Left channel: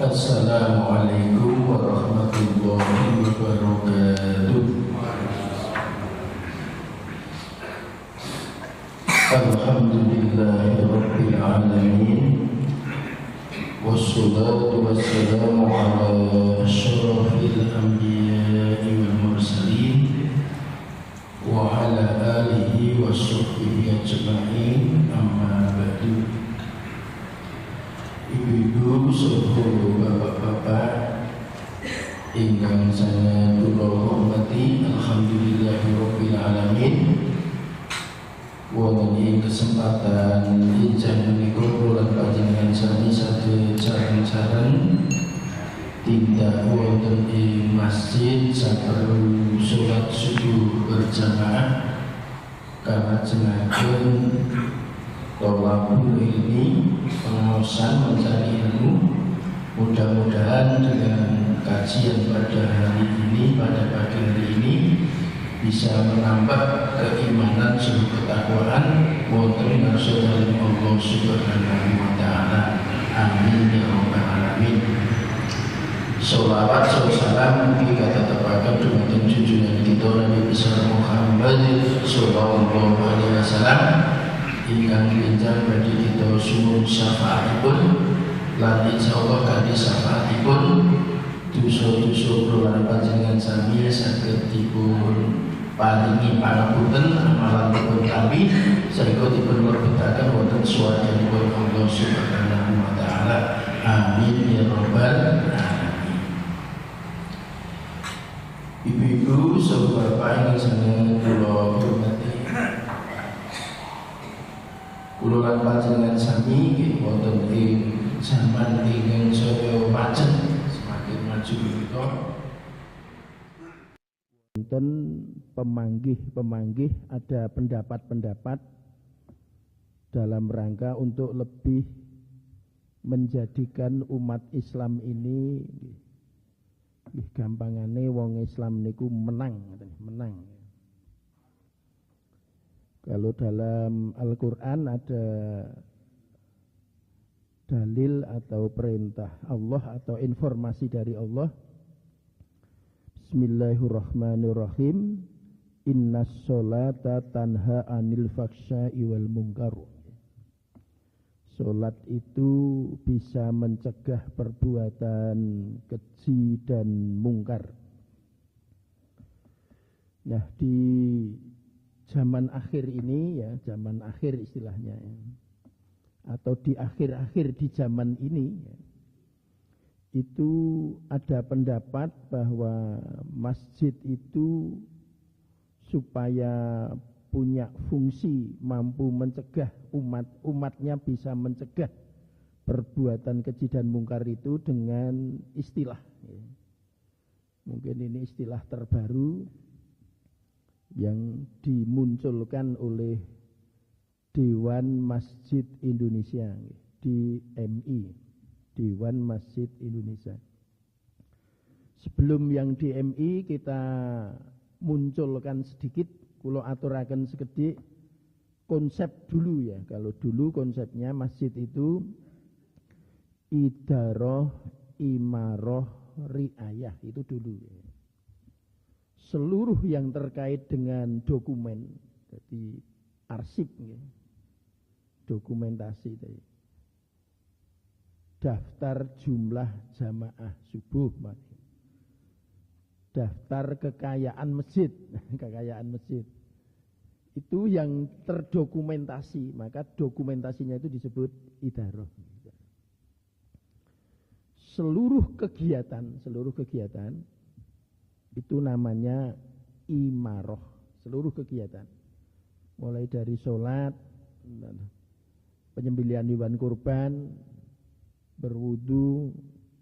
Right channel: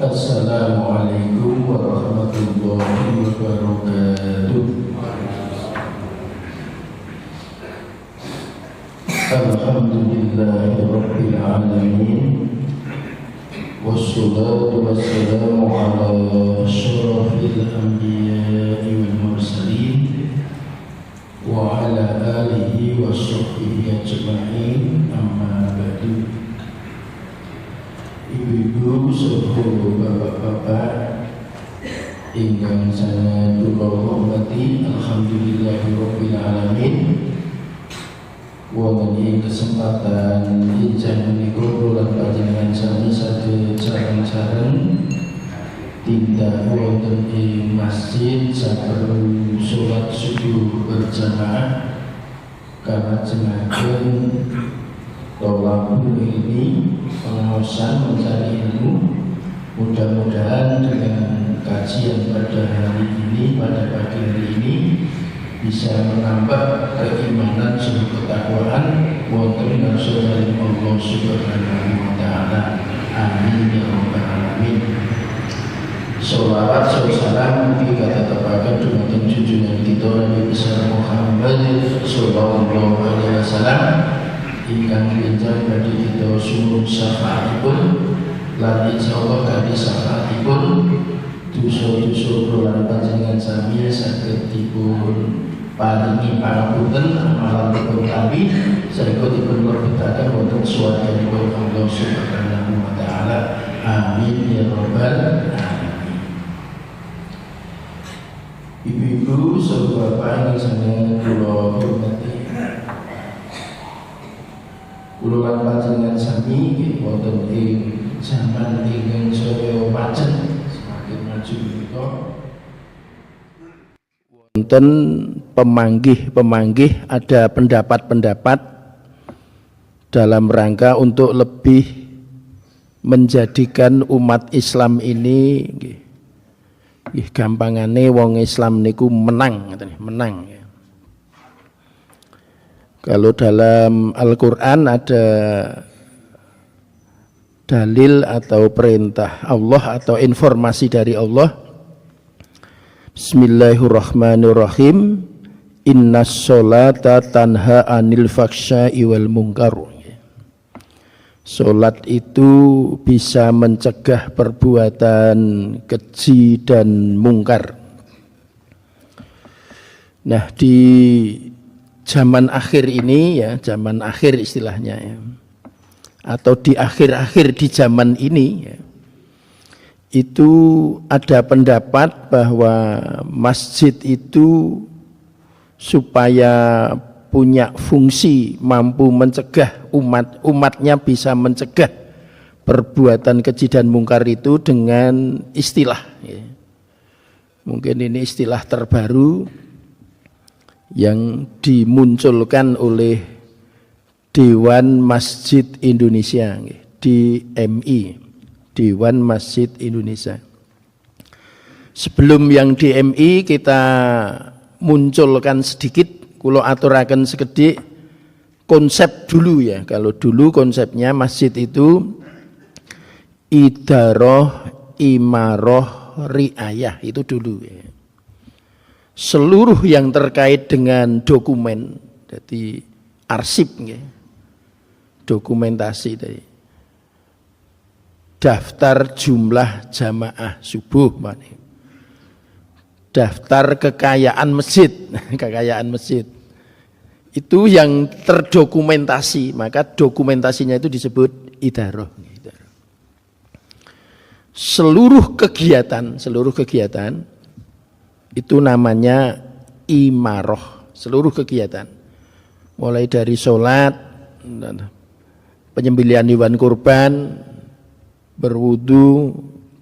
Assalamualaikum warahmatullahi wabarakatuh. Alhamdulillahi rabbil alamin. Wassalatu wassalamu ala asyrafil anbiya'i wal mursalin wa ala alihi wa sahbihi ajma'in, amma ba'du. Ibu-ibu, saudara, bapak-bapak ingkang saya kula hormati, alhamdulillahirabbil alamin. Wonten ing kesempatan injang menika kula panjenengan sami sadaya sareng-sareng tindak wonten ing masjid saperlu salat subuh berjamaah kalajengaken tolabul ilmi, pengawasan mencari ilmu. Mudah-mudahan dengan kajian pada hari ini, pada pagi hari ini, bisa menambah keimanan serta ketakwaan wonten ngarsaning Allah Subhanahu wa taala. Amin ya rabbal alamin. Sholawat salam kita tetepaken dumateng junjungan kita Nabi besar Muhammad sallallahu alaihi wasallam ingkang pinjam bagi kita suwun syafaatipun lan insyaallah kanthi syafaatipun dosa-dosa kula panjenengan sami saged dipun paringi pangapunten amalanipun kami saengga dipun werbetaken wonten swarganipun Allah Subhanahu wa taala. Amin ya rabbal alamin. Ibu-ibu, saudara bapak yang saya kula hormati, kula lan panjenengan sami wonten ing zaman ingkang saya pacen semakin maju menika wonten pemanggih-pemanggih, ada pendapat-pendapat dalam rangka untuk lebih menjadikan umat Islam ini gampangane wong Islam niku menang. Kalau dalam Al-Quran ada dalil atau perintah Allah atau informasi dari Allah, Bismillahirrahmanirrahim, Innas sholata tanha anil faksya'i wal munkar. Solat itu bisa mencegah perbuatan keji dan mungkar. Nah, di zaman akhir ini ya, zaman akhir istilahnya ya, atau di akhir-akhir di zaman ini ya, itu ada pendapat bahwa masjid itu supaya punya fungsi mampu mencegah umatnya bisa mencegah perbuatan keji dan mungkar itu dengan istilah ya. Mungkin ini istilah terbaru yang dimunculkan oleh Dewan Masjid Indonesia, DMI, Dewan Masjid Indonesia. Sebelum yang DMI kita munculkan sedikit, kula aturaken sekedhik konsep dulu ya. Kalau dulu konsepnya masjid itu idaroh, imaroh, riayah, itu dulu ya. Seluruh yang terkait dengan dokumen, jadi arsip ya, dokumentasi tadi, daftar jumlah jamaah subuh, daftar kekayaan masjid, kekayaan masjid itu yang terdokumentasi, maka dokumentasinya itu disebut idaroh. Seluruh kegiatan itu namanya imaroh, seluruh kegiatan, mulai dari sholat, penyembelihan hewan kurban, berwudu,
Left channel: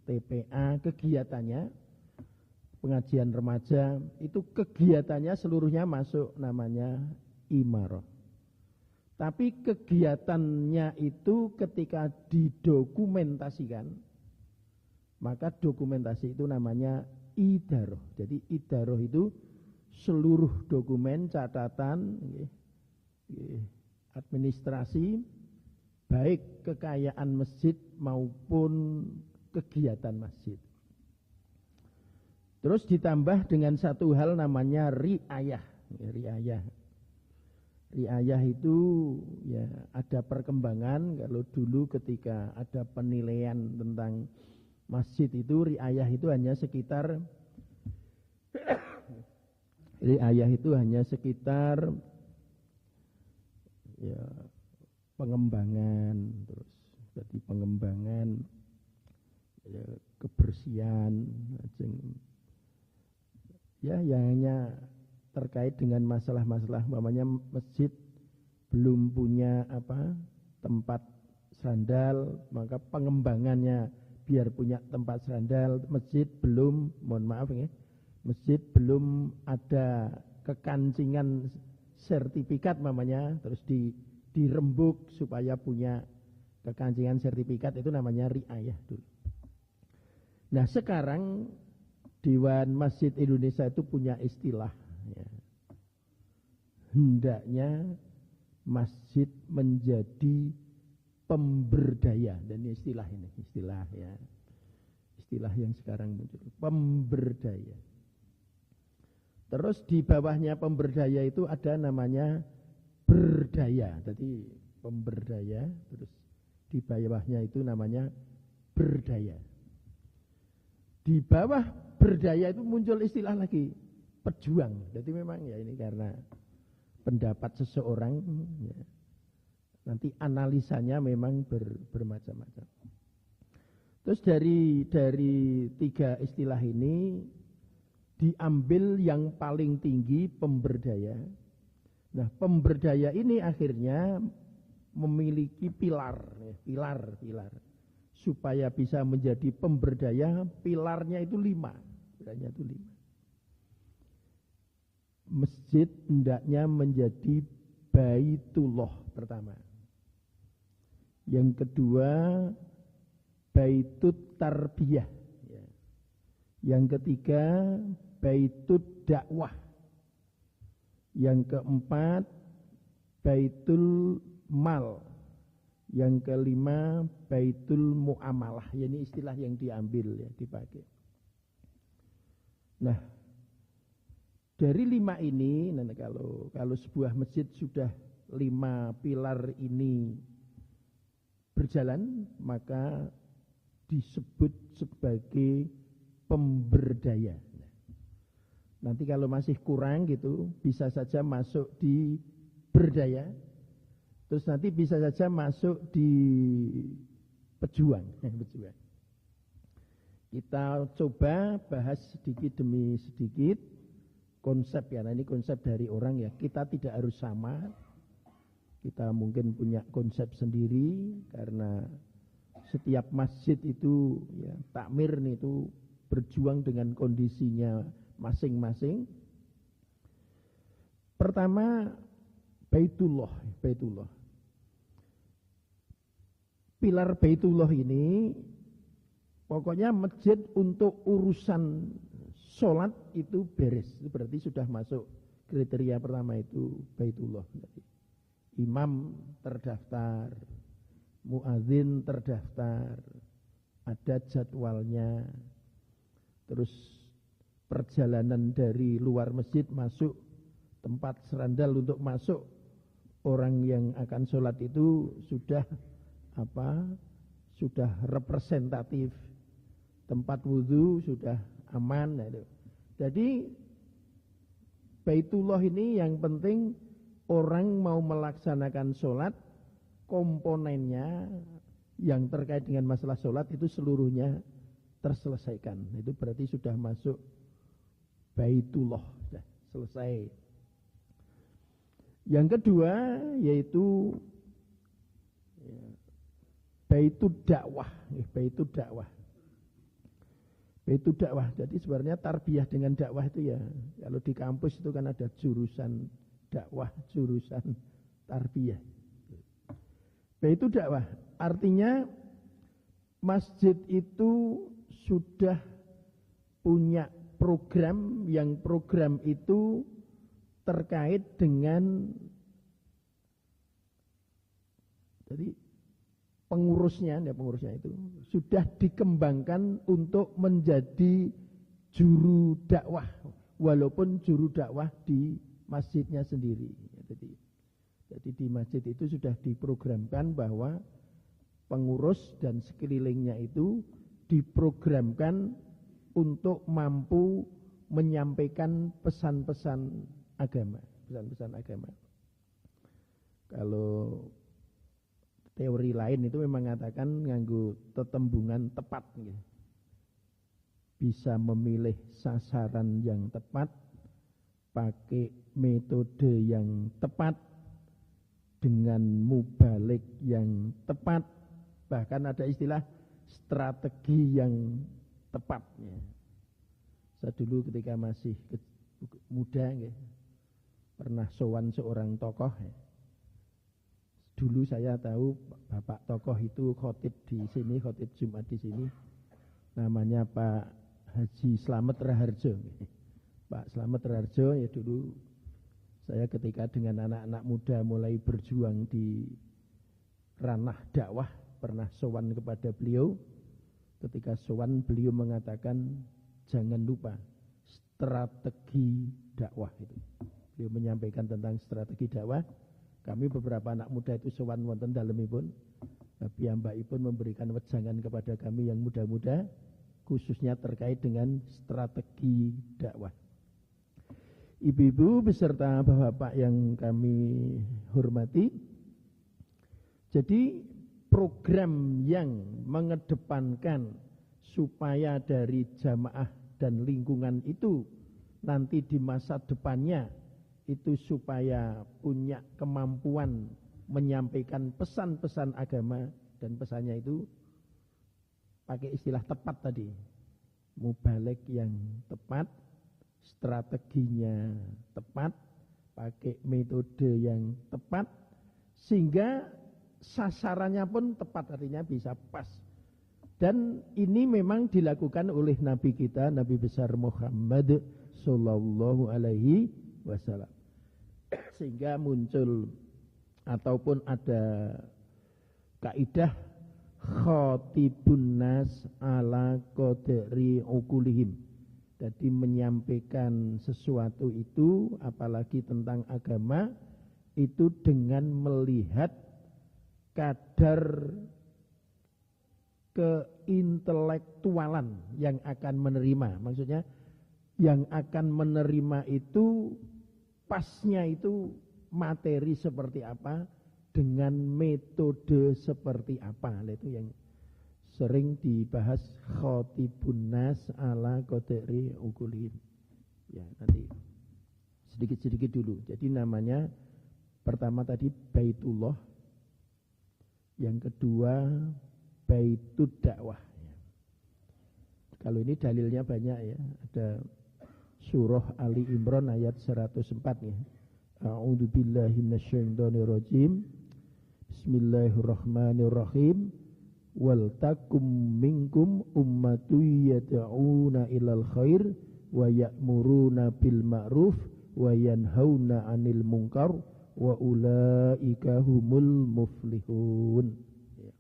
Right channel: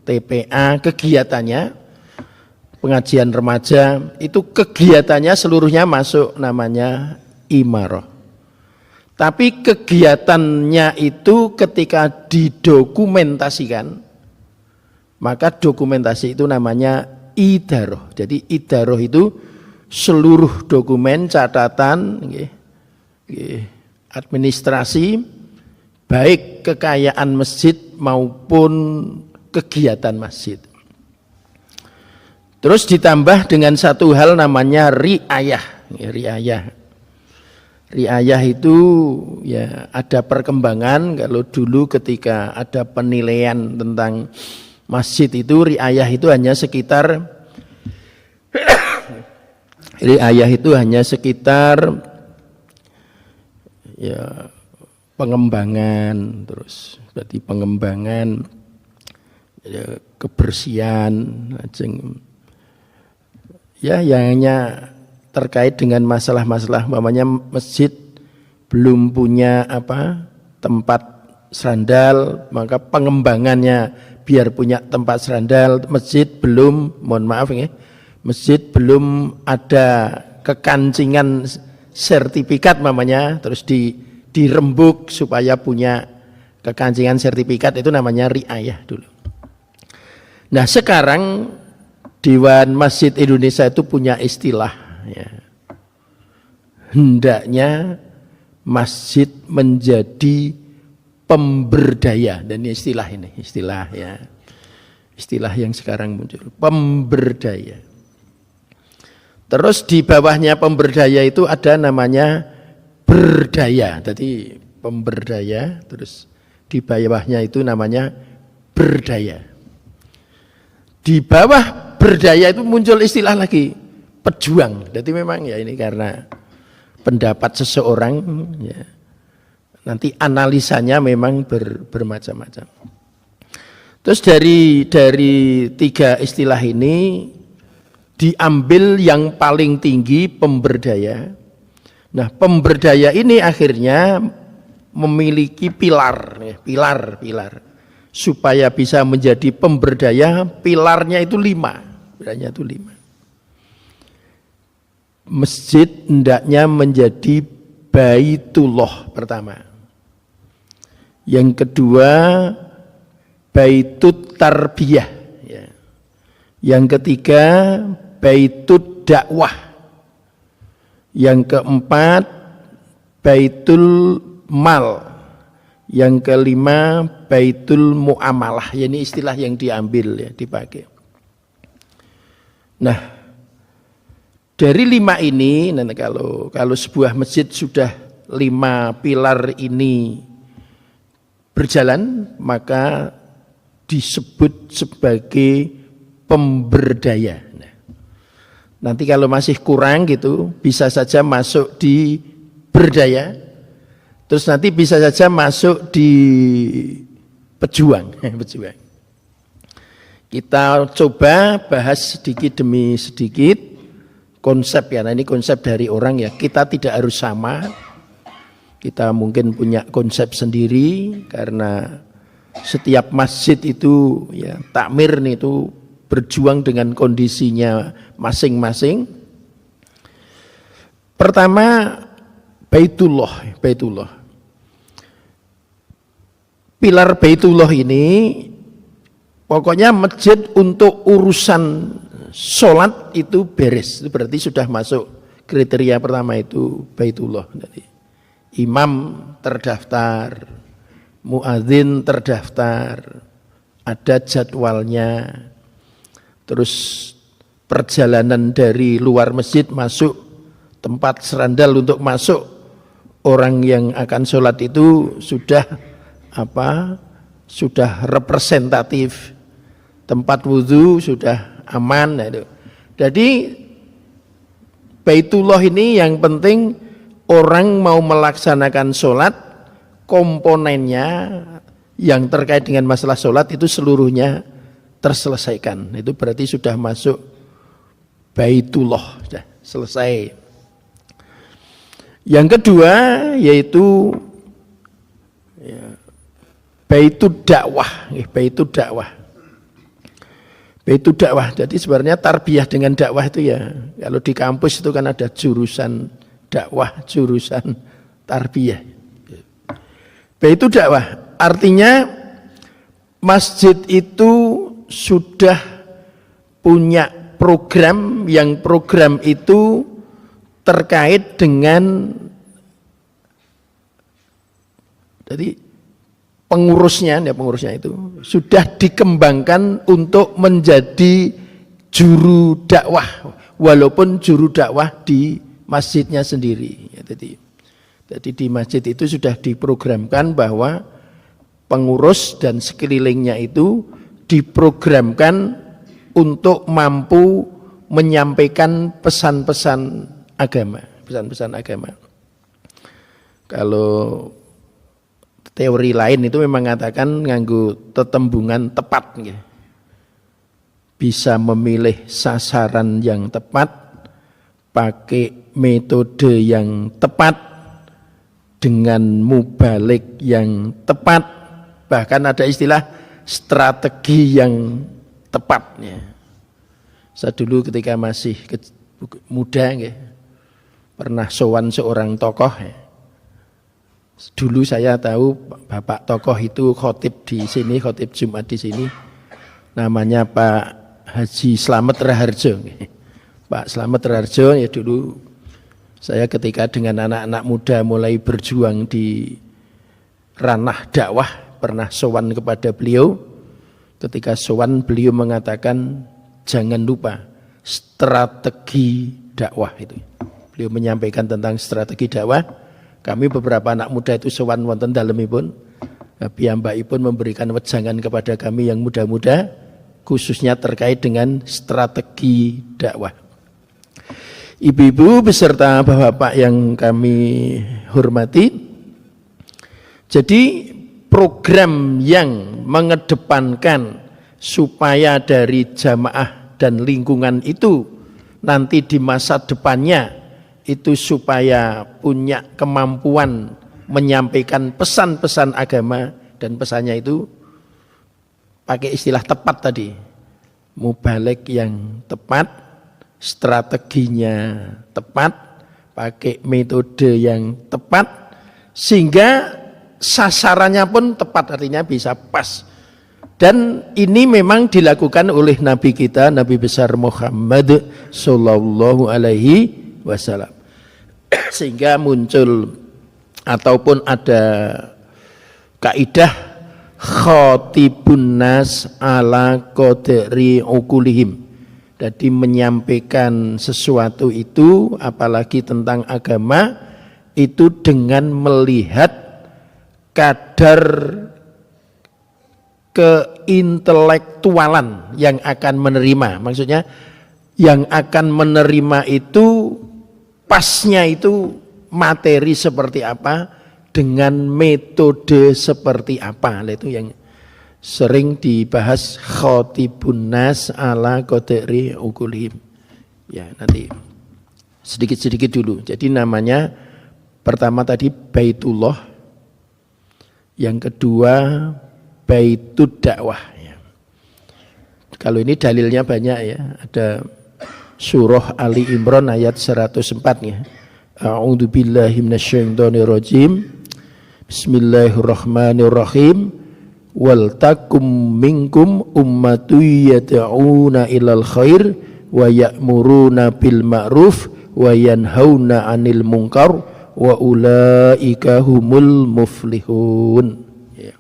TPA, kegiatannya, pengajian remaja, itu kegiatannya seluruhnya masuk namanya imaroh. Tapi kegiatannya itu ketika didokumentasikan, maka dokumentasi itu namanya idaroh. Jadi idaroh itu seluruh dokumen, catatan, administrasi, baik kekayaan masjid maupun kegiatan masjid. Terus ditambah dengan satu hal namanya riayah. Riayah itu ya ada perkembangan. Kalau dulu ketika ada penilaian tentang masjid itu, riayah itu hanya sekitar ya pengembangan, terus berarti pengembangan ya, kebersihan, ya yang hanya terkait dengan masalah-masalah umpamanya masjid belum punya tempat serandal, maka pengembangannya biar punya tempat serandal. Masjid belum, masjid belum ada kekancingan sertifikat namanya, terus dirembuk supaya punya kekancingan sertifikat, itu namanya riayah dulu. Nah sekarang Dewan Masjid Indonesia itu punya istilah ya. Hendaknya masjid menjadi pemberdaya, dan istilah yang sekarang muncul, pemberdaya. Terus di bawahnya pemberdaya itu ada namanya berdaya. Jadi pemberdaya, terus di bawahnya itu namanya berdaya. Di bawah berdaya itu muncul istilah lagi, pejuang. Jadi memang ya ini karena pendapat seseorang ya, nanti analisanya memang bermacam-macam. Terus dari tiga istilah ini diambil yang paling tinggi, pemberdaya. Nah pemberdaya ini akhirnya memiliki pilar. Supaya bisa menjadi pemberdaya, pilarnya itu 5. Pilarnya itu 5. Masjid hendaknya menjadi baitullah pertama. Yang kedua baitut tarbiyah. Yang ketiga baitut dakwah. Yang keempat baitul mal. Yang kelima baitul muamalah. Ini istilah yang diambil ya, dipakai. Nah, dari 5 ini, nanti kalau sebuah masjid sudah 5 pilar ini berjalan, maka disebut sebagai pemberdaya. Nah, nanti kalau masih kurang gitu, bisa saja masuk di berdaya. Terus nanti bisa saja masuk di pejuang. Kita coba bahas sedikit demi sedikit konsep ya. Nah ini konsep dari orang ya. Kita tidak harus sama. Kita mungkin punya konsep sendiri karena setiap masjid itu ya takmir nih itu berjuang dengan kondisinya masing-masing. Pertama Baitullah. Pilar Baitullah ini pokoknya masjid untuk urusan sholat itu beres. Itu berarti sudah masuk kriteria pertama itu Baitullah. Jadi, imam terdaftar, muadzin terdaftar, ada jadwalnya. Terus perjalanan dari luar masjid masuk tempat serandal untuk masuk orang yang akan sholat itu sudah representatif, tempat wudhu sudah aman. Jadi Baitullah ini yang penting orang mau melaksanakan sholat, komponennya yang terkait dengan masalah sholat itu seluruhnya terselesaikan. Itu berarti sudah masuk Baitullah, sudah selesai. Yang kedua yaitu Baitud dakwah, Baitud dakwah. Jadi sebenarnya tarbiyah dengan dakwah itu ya, kalau di kampus itu kan ada jurusan dakwah, jurusan tarbiyah. Baitud dakwah artinya masjid itu sudah punya program, yang program itu terkait dengan, jadi pengurusnya itu sudah dikembangkan untuk menjadi juru dakwah, walaupun juru dakwah di masjidnya sendiri. Jadi di masjid itu sudah diprogramkan bahwa pengurus dan sekelilingnya itu diprogramkan untuk mampu menyampaikan pesan-pesan agama. Kalau teori lain itu memang mengatakan nganggo tetembungan tepat, bisa memilih sasaran yang tepat, pakai metode yang tepat, dengan mubalik yang tepat, bahkan ada istilah strategi yang tepat. Saya dulu ketika masih muda pernah sowan seorang tokoh. Dulu saya tahu bapak tokoh itu khotib di sini, khotib Jumat di sini. Namanya Pak Haji Slamet Raharjo. Pak Slamet Raharjo ya dulu saya ketika dengan anak-anak muda mulai berjuang di ranah dakwah pernah sowan kepada beliau. Ketika sowan beliau mengatakan jangan lupa strategi dakwah itu. Beliau menyampaikan tentang strategi dakwah. Kami beberapa anak muda itu sowan wonten dalemipun. Piyambakipun memberikan wejangan kepada kami yang muda-muda khususnya terkait dengan strategi dakwah. Ibu-ibu beserta bapak-bapak yang kami hormati. Jadi program yang mengedepankan supaya dari jamaah dan lingkungan itu nanti di masa depannya itu supaya punya kemampuan menyampaikan pesan-pesan agama, dan pesannya itu pakai istilah tepat tadi, mubalik yang tepat, strateginya tepat, pakai metode yang tepat, sehingga sasarannya pun tepat, artinya bisa pas. Dan ini memang dilakukan oleh Nabi kita, Nabi besar Muhammad Sallallahu Alaihi Wasallam. Sehingga muncul ataupun ada kaidah khatibun nas ala qadri ukulihim. Jadi menyampaikan sesuatu itu apalagi tentang agama itu dengan melihat kadar keintelektualan yang akan menerima. Maksudnya yang akan menerima itu pasnya itu materi seperti apa dengan metode seperti apa. Itu yang sering dibahas khatibun nas ala qadri ukulihim. Ya, nanti sedikit-sedikit dulu. Jadi namanya pertama tadi Baitullah, yang kedua Baitud Dakwah. Ya. Kalau ini dalilnya banyak ya, ada Surah Ali Imran ayat 104 ya. A'udzubillahi minasyaitonirrajim. Bismillahirrahmanirrahim. Wal takum minkum ummatun yad'una ilal khair wa ya'muruna bil ma'ruf wa yanhauna 'anil munkar wa ulaika humul muflihun. Ya.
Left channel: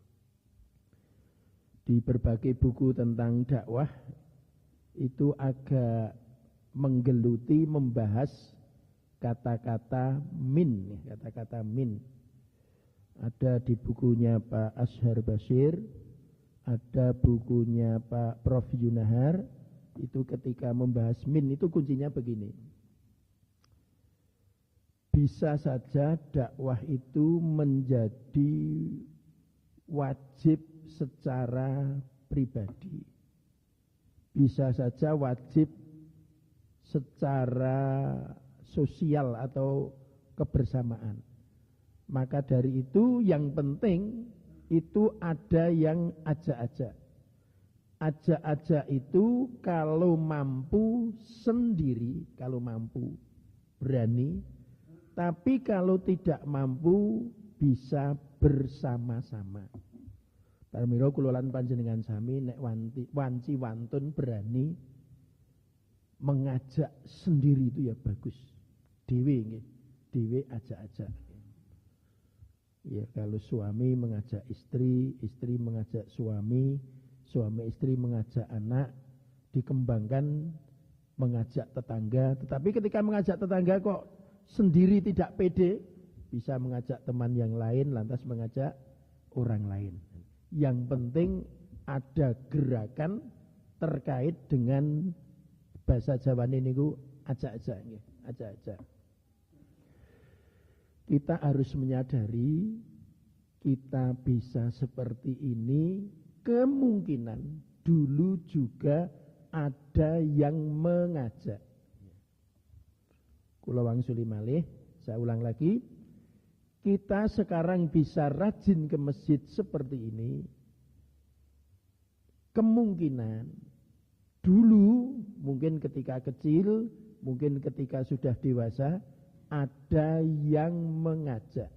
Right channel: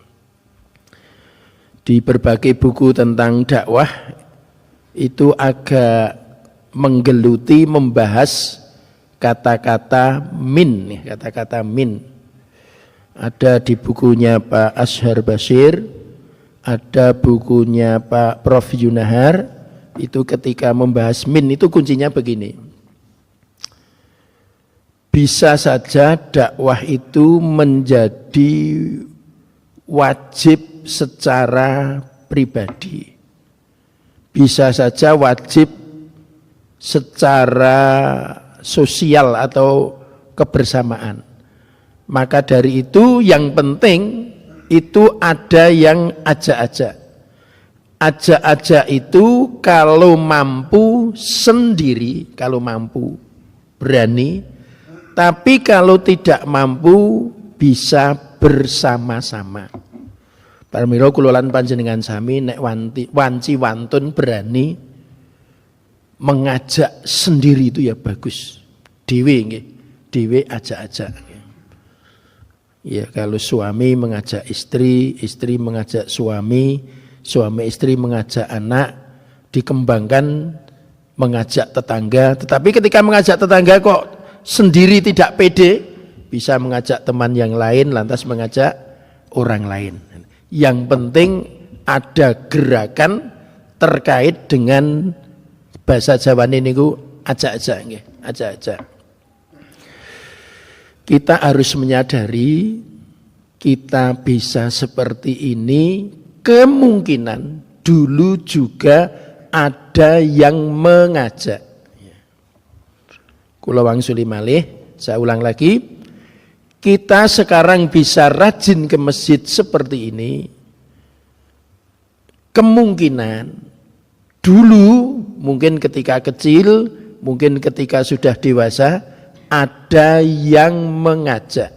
Di berbagai buku tentang dakwah itu agak menggeluti membahas kata-kata min, kata-kata min. Ada di bukunya Pak Ashar Basir, ada bukunya Pak Prof Yunahar. Itu ketika membahas min itu kuncinya begini. Bisa saja dakwah itu menjadi wajib secara pribadi. Bisa saja wajib secara sosial atau kebersamaan. Maka dari itu yang penting itu ada yang ajak-ajak. Ajak-ajak itu kalau mampu sendiri, kalau mampu berani, tapi kalau tidak mampu bisa bersama-sama. Parmiro kulolan panjenengan sami nek wanci wantun berani mengajak sendiri itu ya bagus. Dewe nggih, dewe ajak-ajak. Ya, kalau suami mengajak istri, istri mengajak suami, suami istri mengajak anak, dikembangkan mengajak tetangga. Tetapi ketika mengajak tetangga kok sendiri tidak pede, bisa mengajak teman yang lain, lantas mengajak orang lain. Yang penting ada gerakan terkait dengan bahasa Jawa ini ku ajak-ajak nggih, ajak-ajak. Kita harus menyadari kita bisa seperti ini, kemungkinan dulu juga ada yang mengajak. Kula wangsuli malih, saya ulang lagi. Kita sekarang bisa rajin ke masjid seperti ini. Kemungkinan dulu mungkin ketika kecil, mungkin ketika sudah dewasa, ada yang mengajak.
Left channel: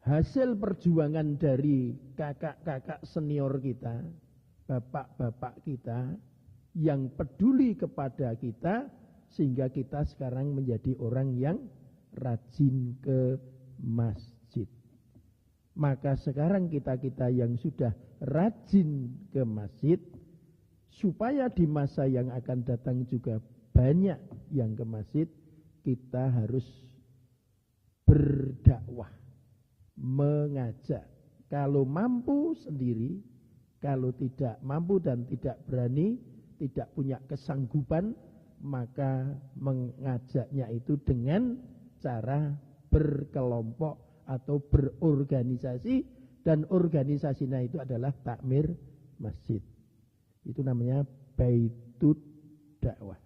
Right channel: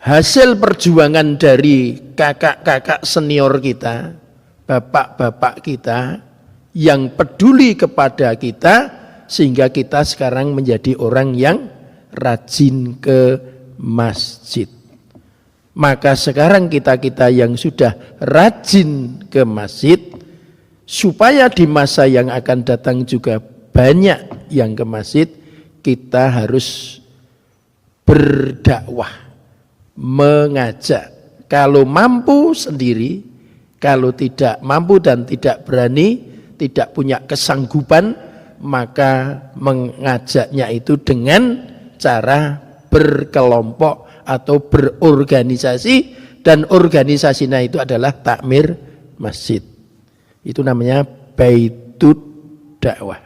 Hasil perjuangan dari kakak-kakak senior kita, bapak-bapak kita yang peduli kepada kita sehingga kita sekarang menjadi orang yang rajin ke masjid. Maka sekarang kita-kita yang sudah rajin ke masjid, supaya di masa yang akan datang juga banyak yang ke masjid, kita harus berdakwah, mengajak. Kalau mampu sendiri, kalau tidak mampu dan tidak berani, tidak punya kesanggupan, maka mengajaknya itu dengan cara berkelompok atau berorganisasi, dan organisasinya itu adalah takmir masjid. Itu namanya baitut dakwah.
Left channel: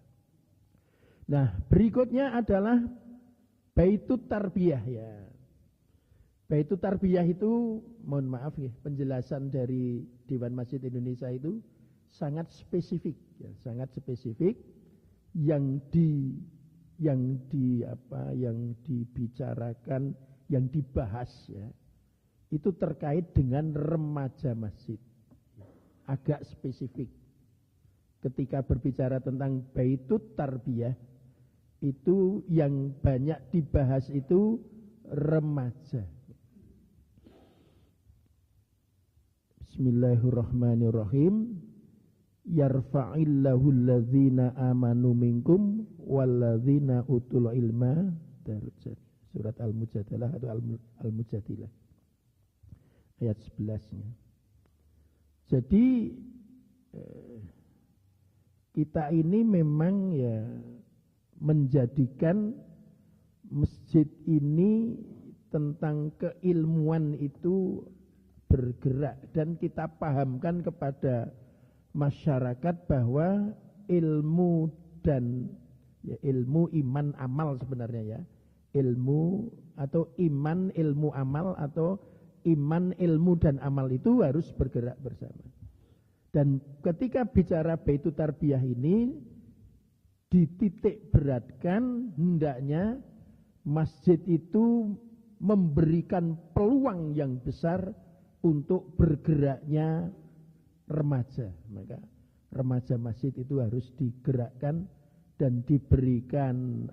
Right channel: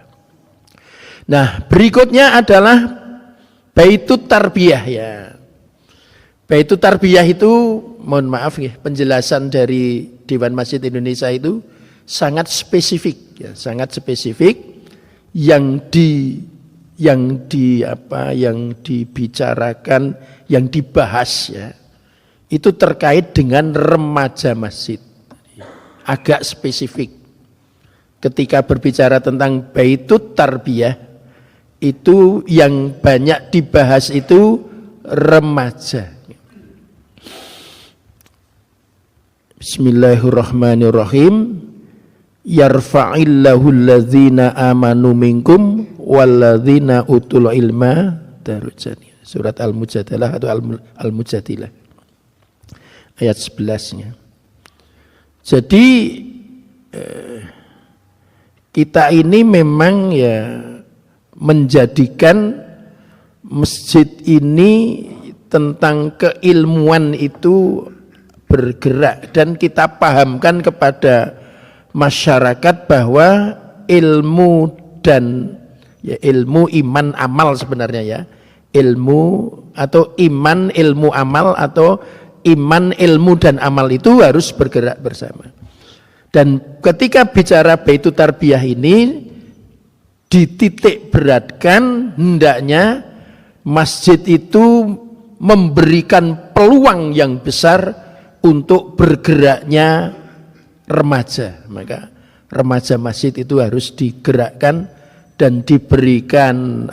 Nah, berikutnya adalah baitut tarbiyah ya. Baitut tarbiyah itu, mohon maaf ya, penjelasan dari Dewan Masjid Indonesia itu sangat spesifik ya, sangat spesifik yang dibicarakan, yang dibahas ya. Itu terkait dengan remaja masjid. Agak spesifik. Ketika berbicara tentang baitut tarbiyah, itu yang banyak dibahas itu remaja. Bismillahirrahmanirrahim. Yarfa'illahu alladzina amanu minkum walladzina utul ilma darajat. Surat Al-Mujadalah atau Al-Mujadilah. Ayat 11-nya. Jadi kita ini memang ya menjadikan masjid ini tentang keilmuan itu bergerak, dan kita pahamkan kepada masyarakat bahwa ilmu dan ya, ilmu iman amal sebenarnya ya, ilmu atau iman ilmu amal atau iman ilmu dan amal itu harus bergerak bersama. Dan ketika bicara baitut tarbiyah ini dititik beratkan, hendaknya masjid itu memberikan peluang yang besar untuk bergeraknya remaja. Maka remaja masjid itu harus digerakkan dan diberikan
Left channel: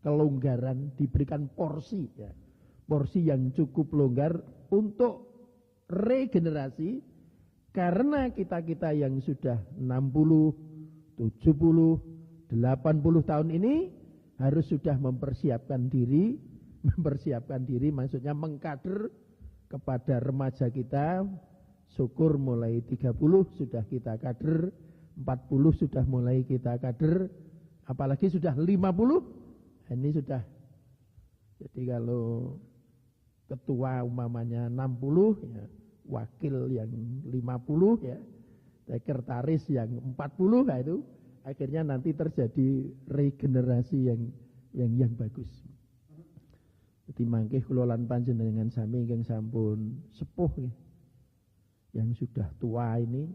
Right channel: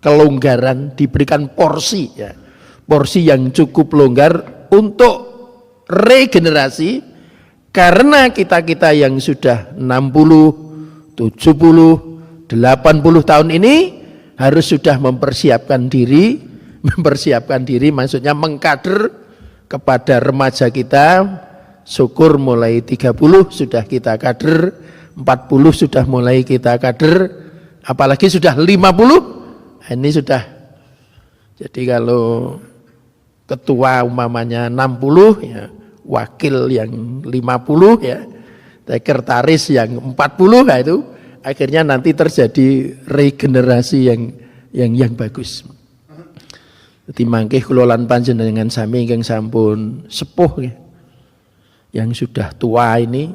kelonggaran, diberikan porsi ya. Porsi yang cukup longgar untuk regenerasi, karena kita-kita yang sudah 60 70, 80 tahun ini harus sudah mempersiapkan diri maksudnya mengkader kepada remaja kita. Syukur mulai 30 sudah kita kader, 40 sudah mulai kita kader, apalagi sudah 50, ini sudah. Jadi kalau ketua umpamanya 60 ya, wakil yang 50 ya, sekretaris yang 40, nah itu akhirnya nanti terjadi regenerasi yang bagus. Jadi mangkih kula lan panjenengan sami ingkang sampun sepuh ya, yang sudah tua ini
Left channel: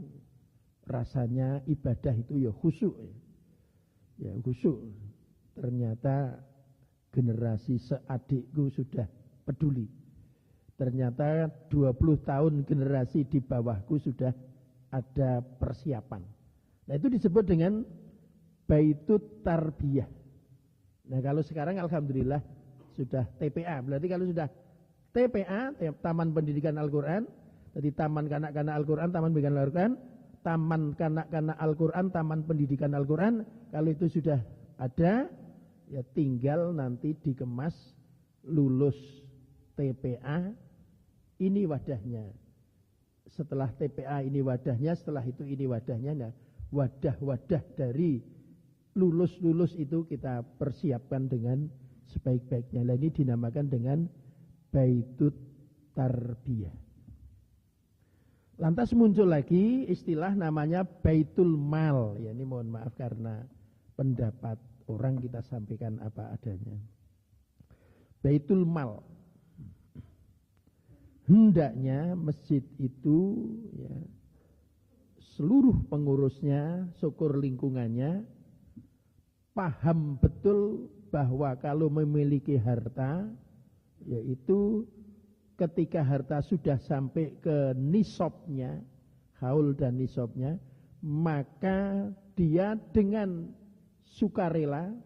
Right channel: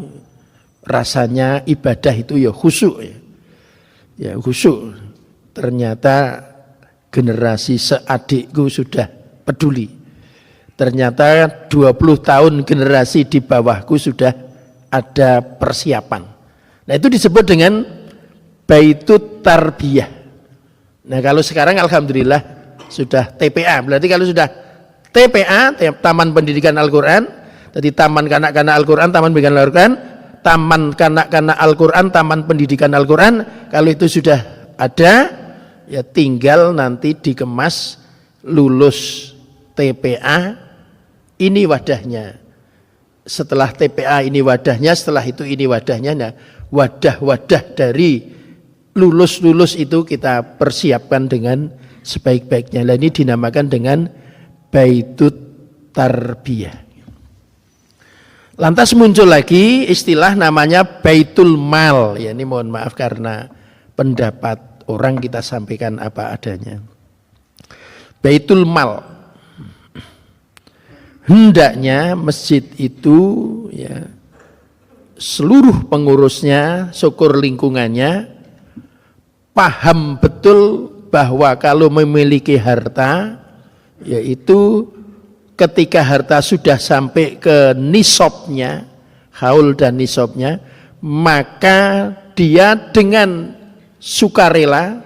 rasanya ibadah itu ya khusyuk ya. Ya khusyuk. Ternyata generasi seadikku sudah peduli. Ternyata 20 tahun generasi di bawahku sudah ada persiapan. Nah itu disebut dengan baitut tarbiyah. Nah kalau sekarang alhamdulillah sudah TPA. Berarti kalau sudah TPA, Taman Pendidikan Al-Quran, jadi Taman Kanak-Kanak Al-Quran, Taman Pendidikan Al-Quran, Taman Kanak-Kanak Al-Quran, Taman Pendidikan Al-Quran, kalau itu sudah ada, ya tinggal nanti dikemas, lulus TPA, ini wadahnya. Setelah TPA ini wadahnya, setelah itu ini wadahnya. Nah, wadah-wadah dari lulus-lulus itu kita persiapkan dengan sebaik-baiknya. Nah, ini dinamakan dengan Baitut Tarbiyah. Lantas muncul lagi istilah namanya Baitul Mal. Ya, ini mohon maaf karena pendapat orang kita sampaikan apa adanya. Baitul Mal. Hendaknya masjid itu ya seluruh pengurusnya, syukur lingkungannya paham betul bahwa kalau memiliki harta yaitu ketika harta sudah sampai ke nisabnya, haul dan nisabnya, maka dia dengan sukarela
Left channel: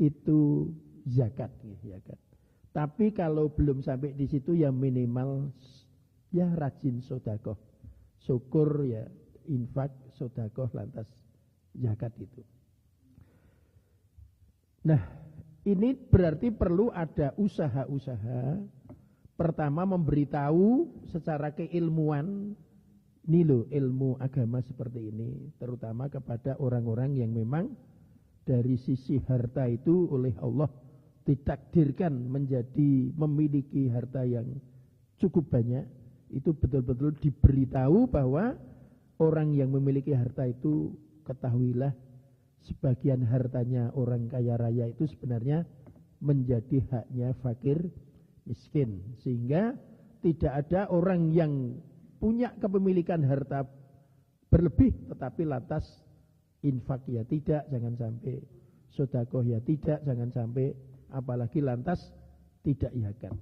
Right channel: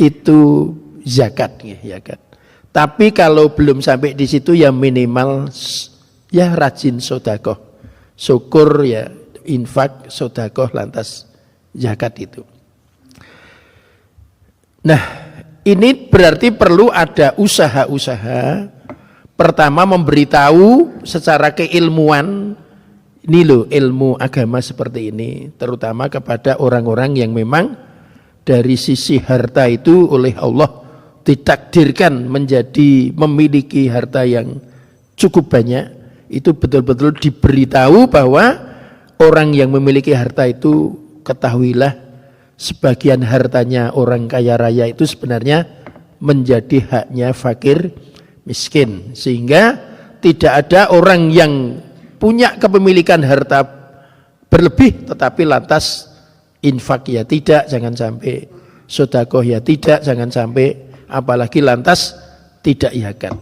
itu zakat, ya zakat. Tapi kalau belum sampai di situ ya minimal ya rajin sodakoh, syukur ya infak, sodakoh, lantas zakat itu. Nah, ini berarti perlu ada usaha-usaha. Pertama memberitahu secara keilmuan, ini loh ilmu agama seperti ini, terutama kepada orang-orang yang memang dari sisi harta itu oleh Allah ditakdirkan menjadi memiliki harta yang cukup banyak. Itu betul-betul diberitahu bahwa orang yang memiliki harta itu ketahuilah sebagian hartanya orang kaya raya itu sebenarnya menjadi haknya fakir miskin. Sehingga tidak ada orang yang punya kepemilikan harta berlebih tetapi lantas infak ya tidak, jangan sampai sedekah ya tidak, jangan sampai apalagi lantas tidak zakat.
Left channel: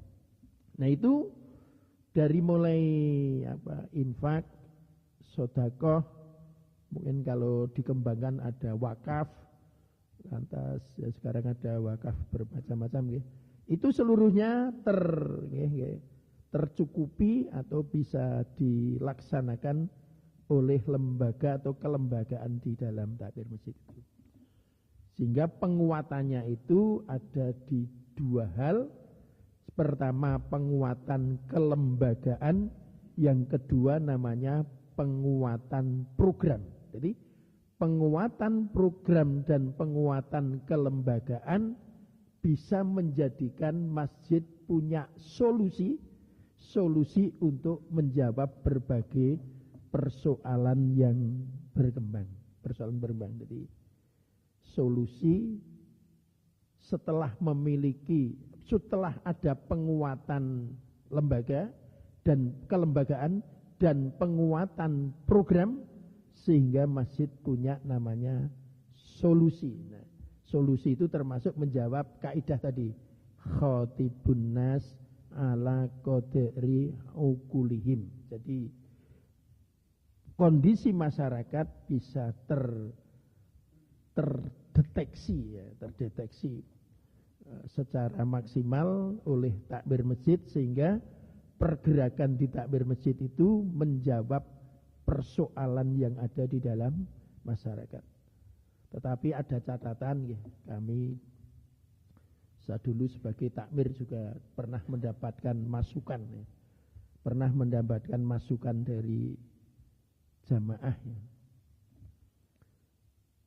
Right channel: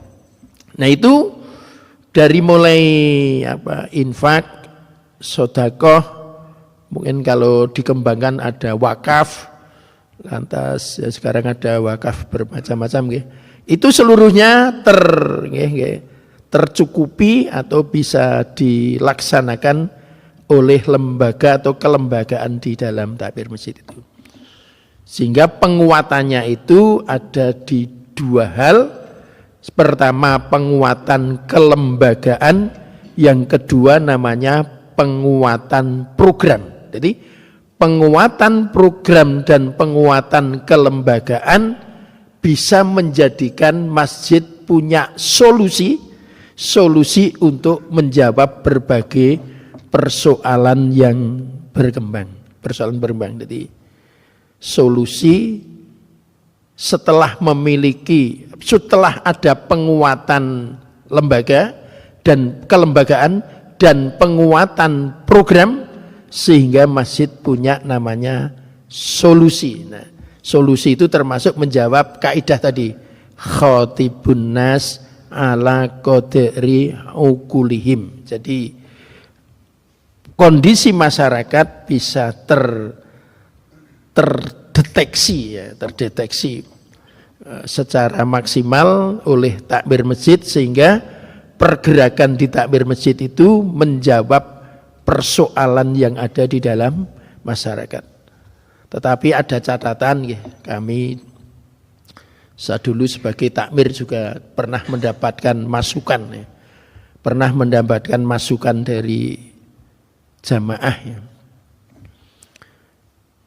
Nah itu dari mulai infak, sedekah, mungkin kalau dikembangkan ada wakaf, lantas ya sekarang ada wakaf bermacam-macam, itu seluruhnya tercukupi atau bisa dilaksanakan oleh lembaga atau kelembagaan di dalam takmir masjid itu. Sehingga penguatannya itu ada di dua hal. Pertama penguatan kelembagaan, yang kedua namanya penguatan program. Jadi penguatan program dan penguatan kelembagaan bisa menjadikan masjid punya solusi untuk menjawab berbagai persoalan yang berkembang. Jadi solusi setelah ada penguatan lembaga dan kelembagaan dan penguatan program sehingga masjid punya namanya solusi. Nah, solusi itu termasuk menjawab kaidah tadi, khatibun nas ala qadri ukulihim. Jadi kondisi masyarakat bisa terdeteksi secara maksimal oleh takmir masjid sehingga pergerakan di takmir masjid itu menjawab persoalan yang ada di dalam masyarakat. Tetapi ada catatan, kami saya dulu sebagai takmir juga pernah mendapatkan masukan dari jamaah ya.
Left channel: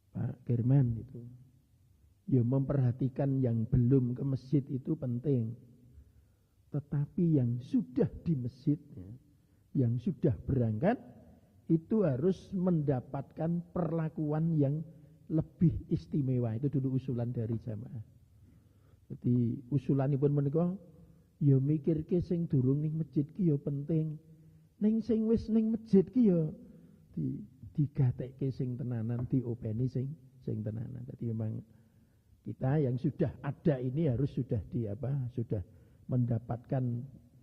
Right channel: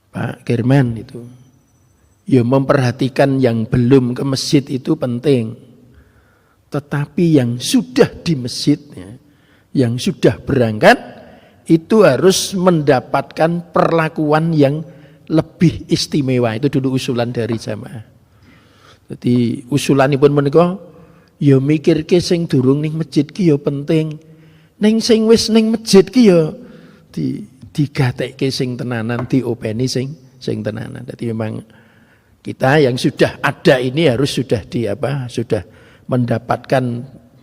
Pak Kirman itu ya memperhatikan yang belum ke masjid itu penting, tetapi yang sudah di masjid ya, yang sudah berangkat itu harus mendapatkan perlakuan yang lebih istimewa. Itu dulu usulan dari jamaah. Jadi usulanipun menika ya mikirke sing durung ning masjid ki ya penting, ning sing wis ning masjid ki ya digatekke sing tenanan, diopeni sing tenanan. Jadi memang kita yang sudah ada ini harus sudah mendapatkan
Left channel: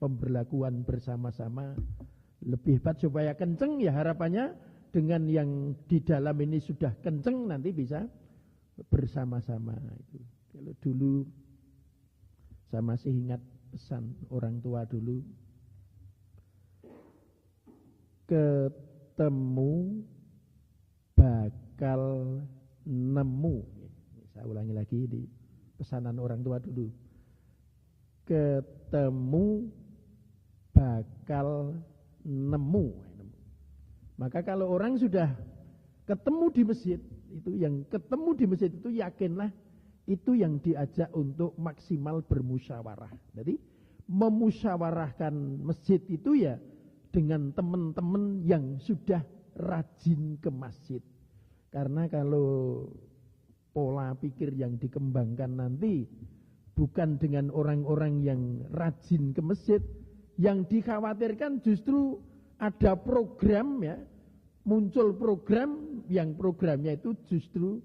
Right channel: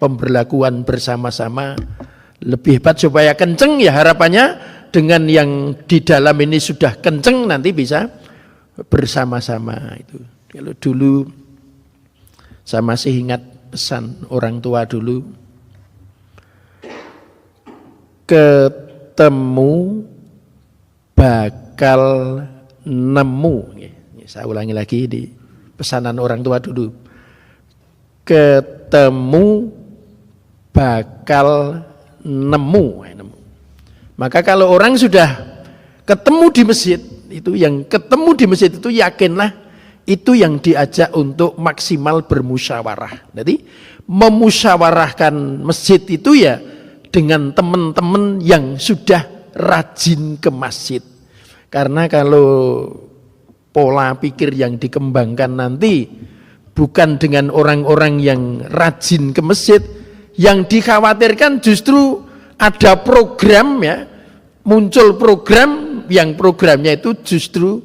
pemberlakuan bersama-sama lebih hebat supaya kenceng ya, harapannya dengan yang di dalam ini sudah kenceng nanti bisa bersama-sama itu. Kalau dulu Saya masih ingat pesan orang tua dulu. Ketemu bakal nemu. Saya ulangi lagi di pesanan orang tua dulu. Ketemu bakal nemu. Maka kalau orang sudah ketemu di masjid, itu yang ketemu di masjid itu yakinlah itu yang diajak untuk maksimal bermusyawarah. Jadi memusyawarahkan masjid itu ya dengan teman-teman yang sudah rajin ke masjid. Karena kalau pola pikir yang dikembangkan nanti bukan dengan orang-orang yang rajin ke masjid, yang dikhawatirkan justru ada program ya, muncul program yang programnya itu justru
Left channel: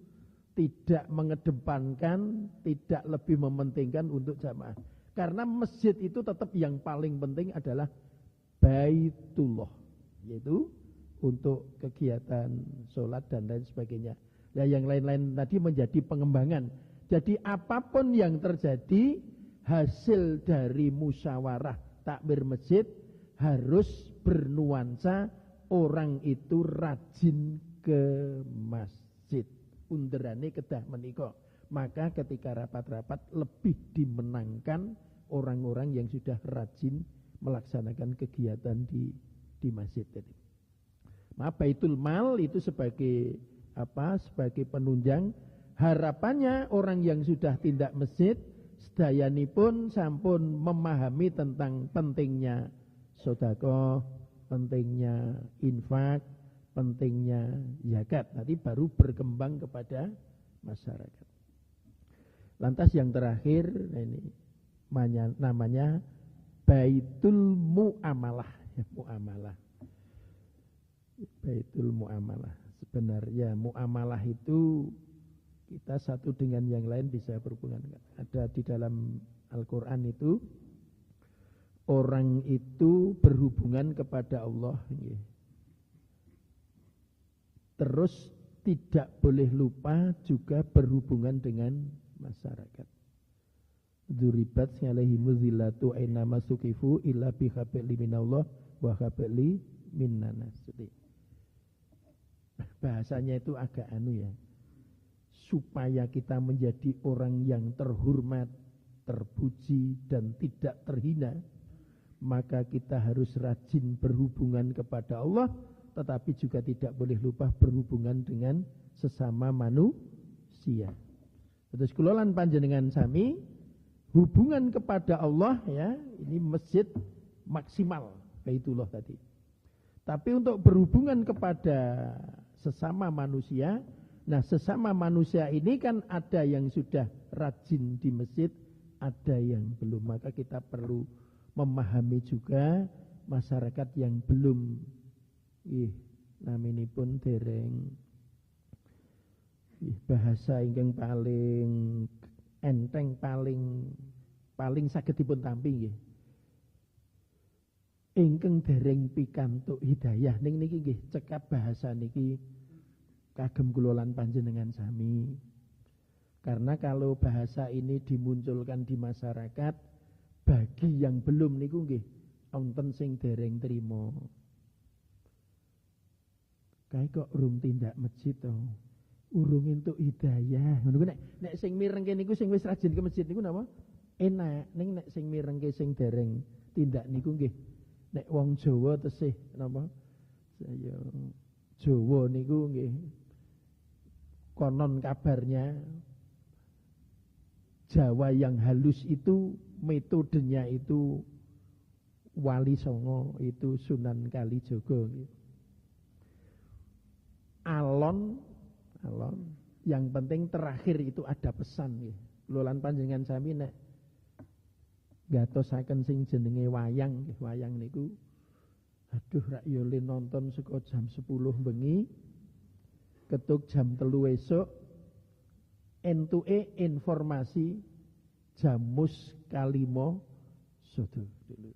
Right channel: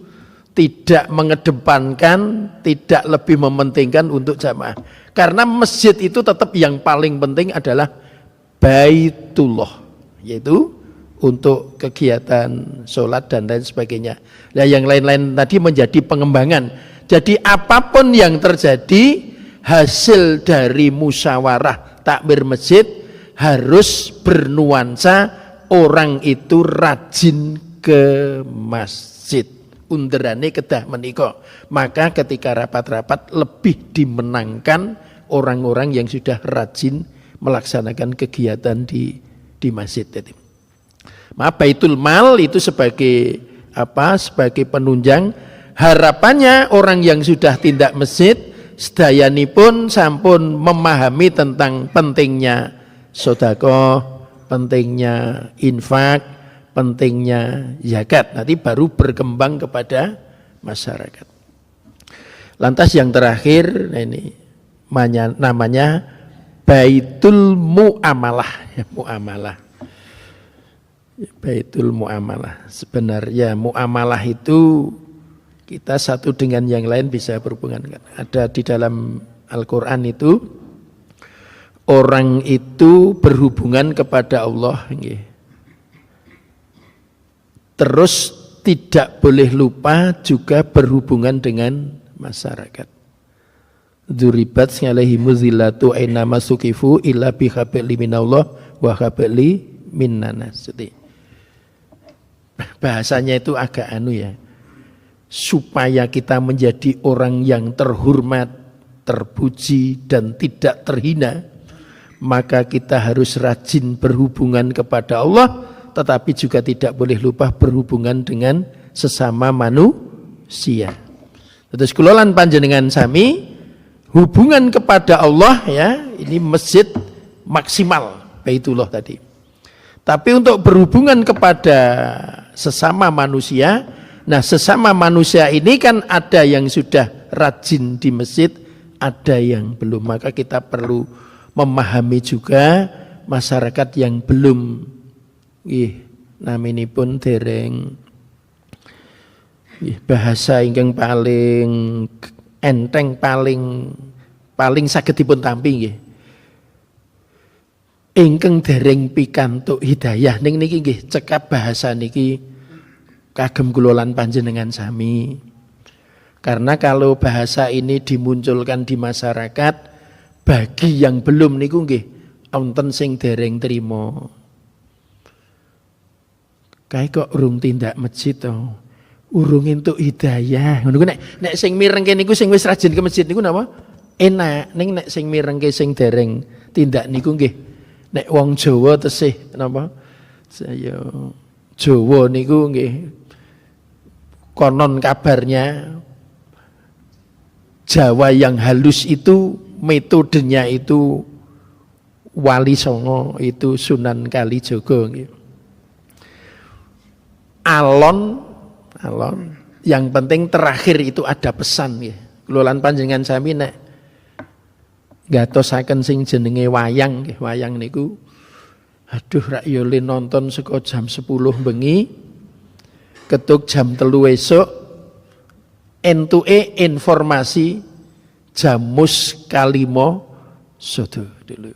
tidak mengedepankan, tidak lebih mementingkan untuk jamaah. Karena masjid itu tetap yang paling penting adalah Baitullah, yaitu untuk kegiatan sholat dan lain sebagainya. Nah, yang lain-lain tadi menjadi pengembangan. Jadi apapun yang terjadi hasil dari musyawarah takmir masjid harus bernuansa orang itu rajin ke masjid. Underane kedah menika. Maka ketika rapat-rapat lebih dimenangkan orang-orang yang sudah rajin melaksanakan kegiatan di masjid. Maaf, Baitul Mal itu sebagai apa? Sebagai penunjang. Harapannya orang yang sudah tindak masjid sedayanipun sampun memahami tentang pentingnya sedekah, pentingnya infak, pentingnya zakat. Nanti baru berkembang kepada masyarakat. Lantas yang terakhir ini namanya Baitul Muamalah. Muamalah. Baitul Muamalah. Sebenarnya muamalah itu kita satu dengan yang lain bisa berhubungan. Ada di dalam Al-Quran itu orang itu berhubungan kepada Allah. Terus tidak boleh lupa juga berhubungan dengan masyarakat. Dzuribat alaihimu zillatu aina masukifu illa bihabli minallah wa habli minnanas. Bahasanya itu agak ya. Supaya kita menjadi orang yang terhormat, terpuji dan tidak terhina, maka kita harus rajin berhubungan kepada Allah, tetapi juga tidak boleh lupa berhubungan dengan sesama manusia. Terus kulolan panjenengan sami hubungan kepada Allah ya, ini masjid maksimal Baitullah tadi. Tapi untuk berhubungan kepada sesama manusia, nah sesama manusia ini kan ada yang sudah rajin di masjid, ada yang belum. Maka kita perlu memahami juga masyarakat yang belum naminipun dereng bahasa ingkang paling enteng, paling saged dipun tampi nggih. Ingkang dereng pikantuk hidayah ning niki nggih cekap bahasa niki kagem kula lan panjenengan sami. Karena kalau bahasa ini dimunculkan di masyarakat, bagi yang belum niku nggih wonten sing dereng trima. Kae kok urung tindak masjid to. Urung entuk hidayah. Ngono ku nek sing mirengke niku sing wis rajin ke masjid niku napa? Enak. Ning nek sing mirengke sing dereng tindak niku nggih nek wong Jawa tesih napa? Saya Jawa niku nggih konon kabarnya Jawa yang halus itu metodenya itu Wali Songo, itu Sunan Kalijaga nggih. Alon yang penting terakhir itu ada pesan nggih. Kula lan panjenengan sami nek gatosaken sing jenenge wayang nggih, wayang niku aduh rak yo le nonton saka jam 10 bengi ketuk jam 3 esuk entuke informasi jamus kalimo sodo dulu.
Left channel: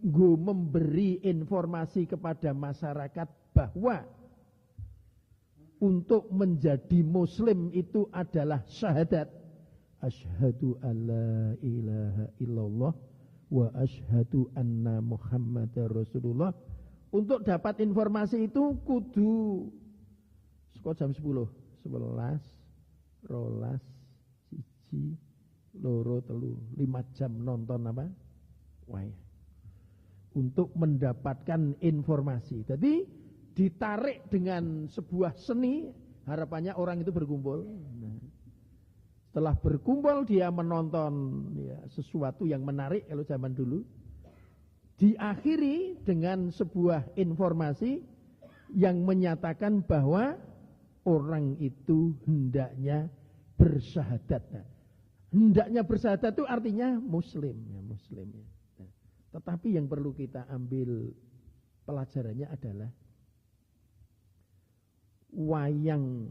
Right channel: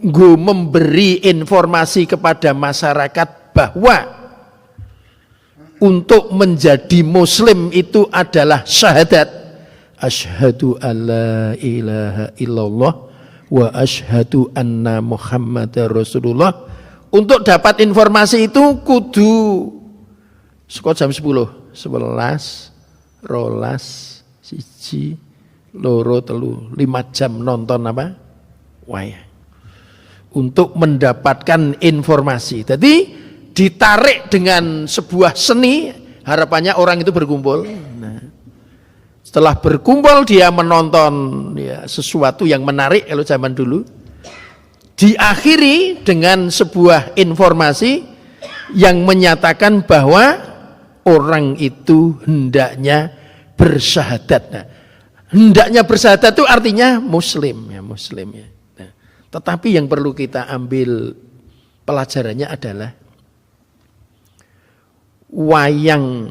Nggo memberi informasi kepada masyarakat bahwa untuk menjadi muslim itu adalah syahadat asyhadu alla ilaha illallah wa asyhadu anna Muhammadar Rasulullah. Untuk dapat informasi itu kudu sekolah jam 10, 11, 12, 1, 2, 3, 5 jam nonton apa? Wayang. Untuk mendapatkan informasi. Jadi ditarik dengan sebuah seni, harapannya orang itu berkumpul. Nah, setelah berkumpul dia menonton ya, sesuatu yang menarik kalau zaman dulu. Diakhiri dengan sebuah informasi yang menyatakan bahwa orang itu hendaknya bersyahadat. Nah, hendaknya bersyahadat itu artinya muslim ya, muslim ya. Nah, tetapi yang perlu kita ambil pelajarannya adalah wayang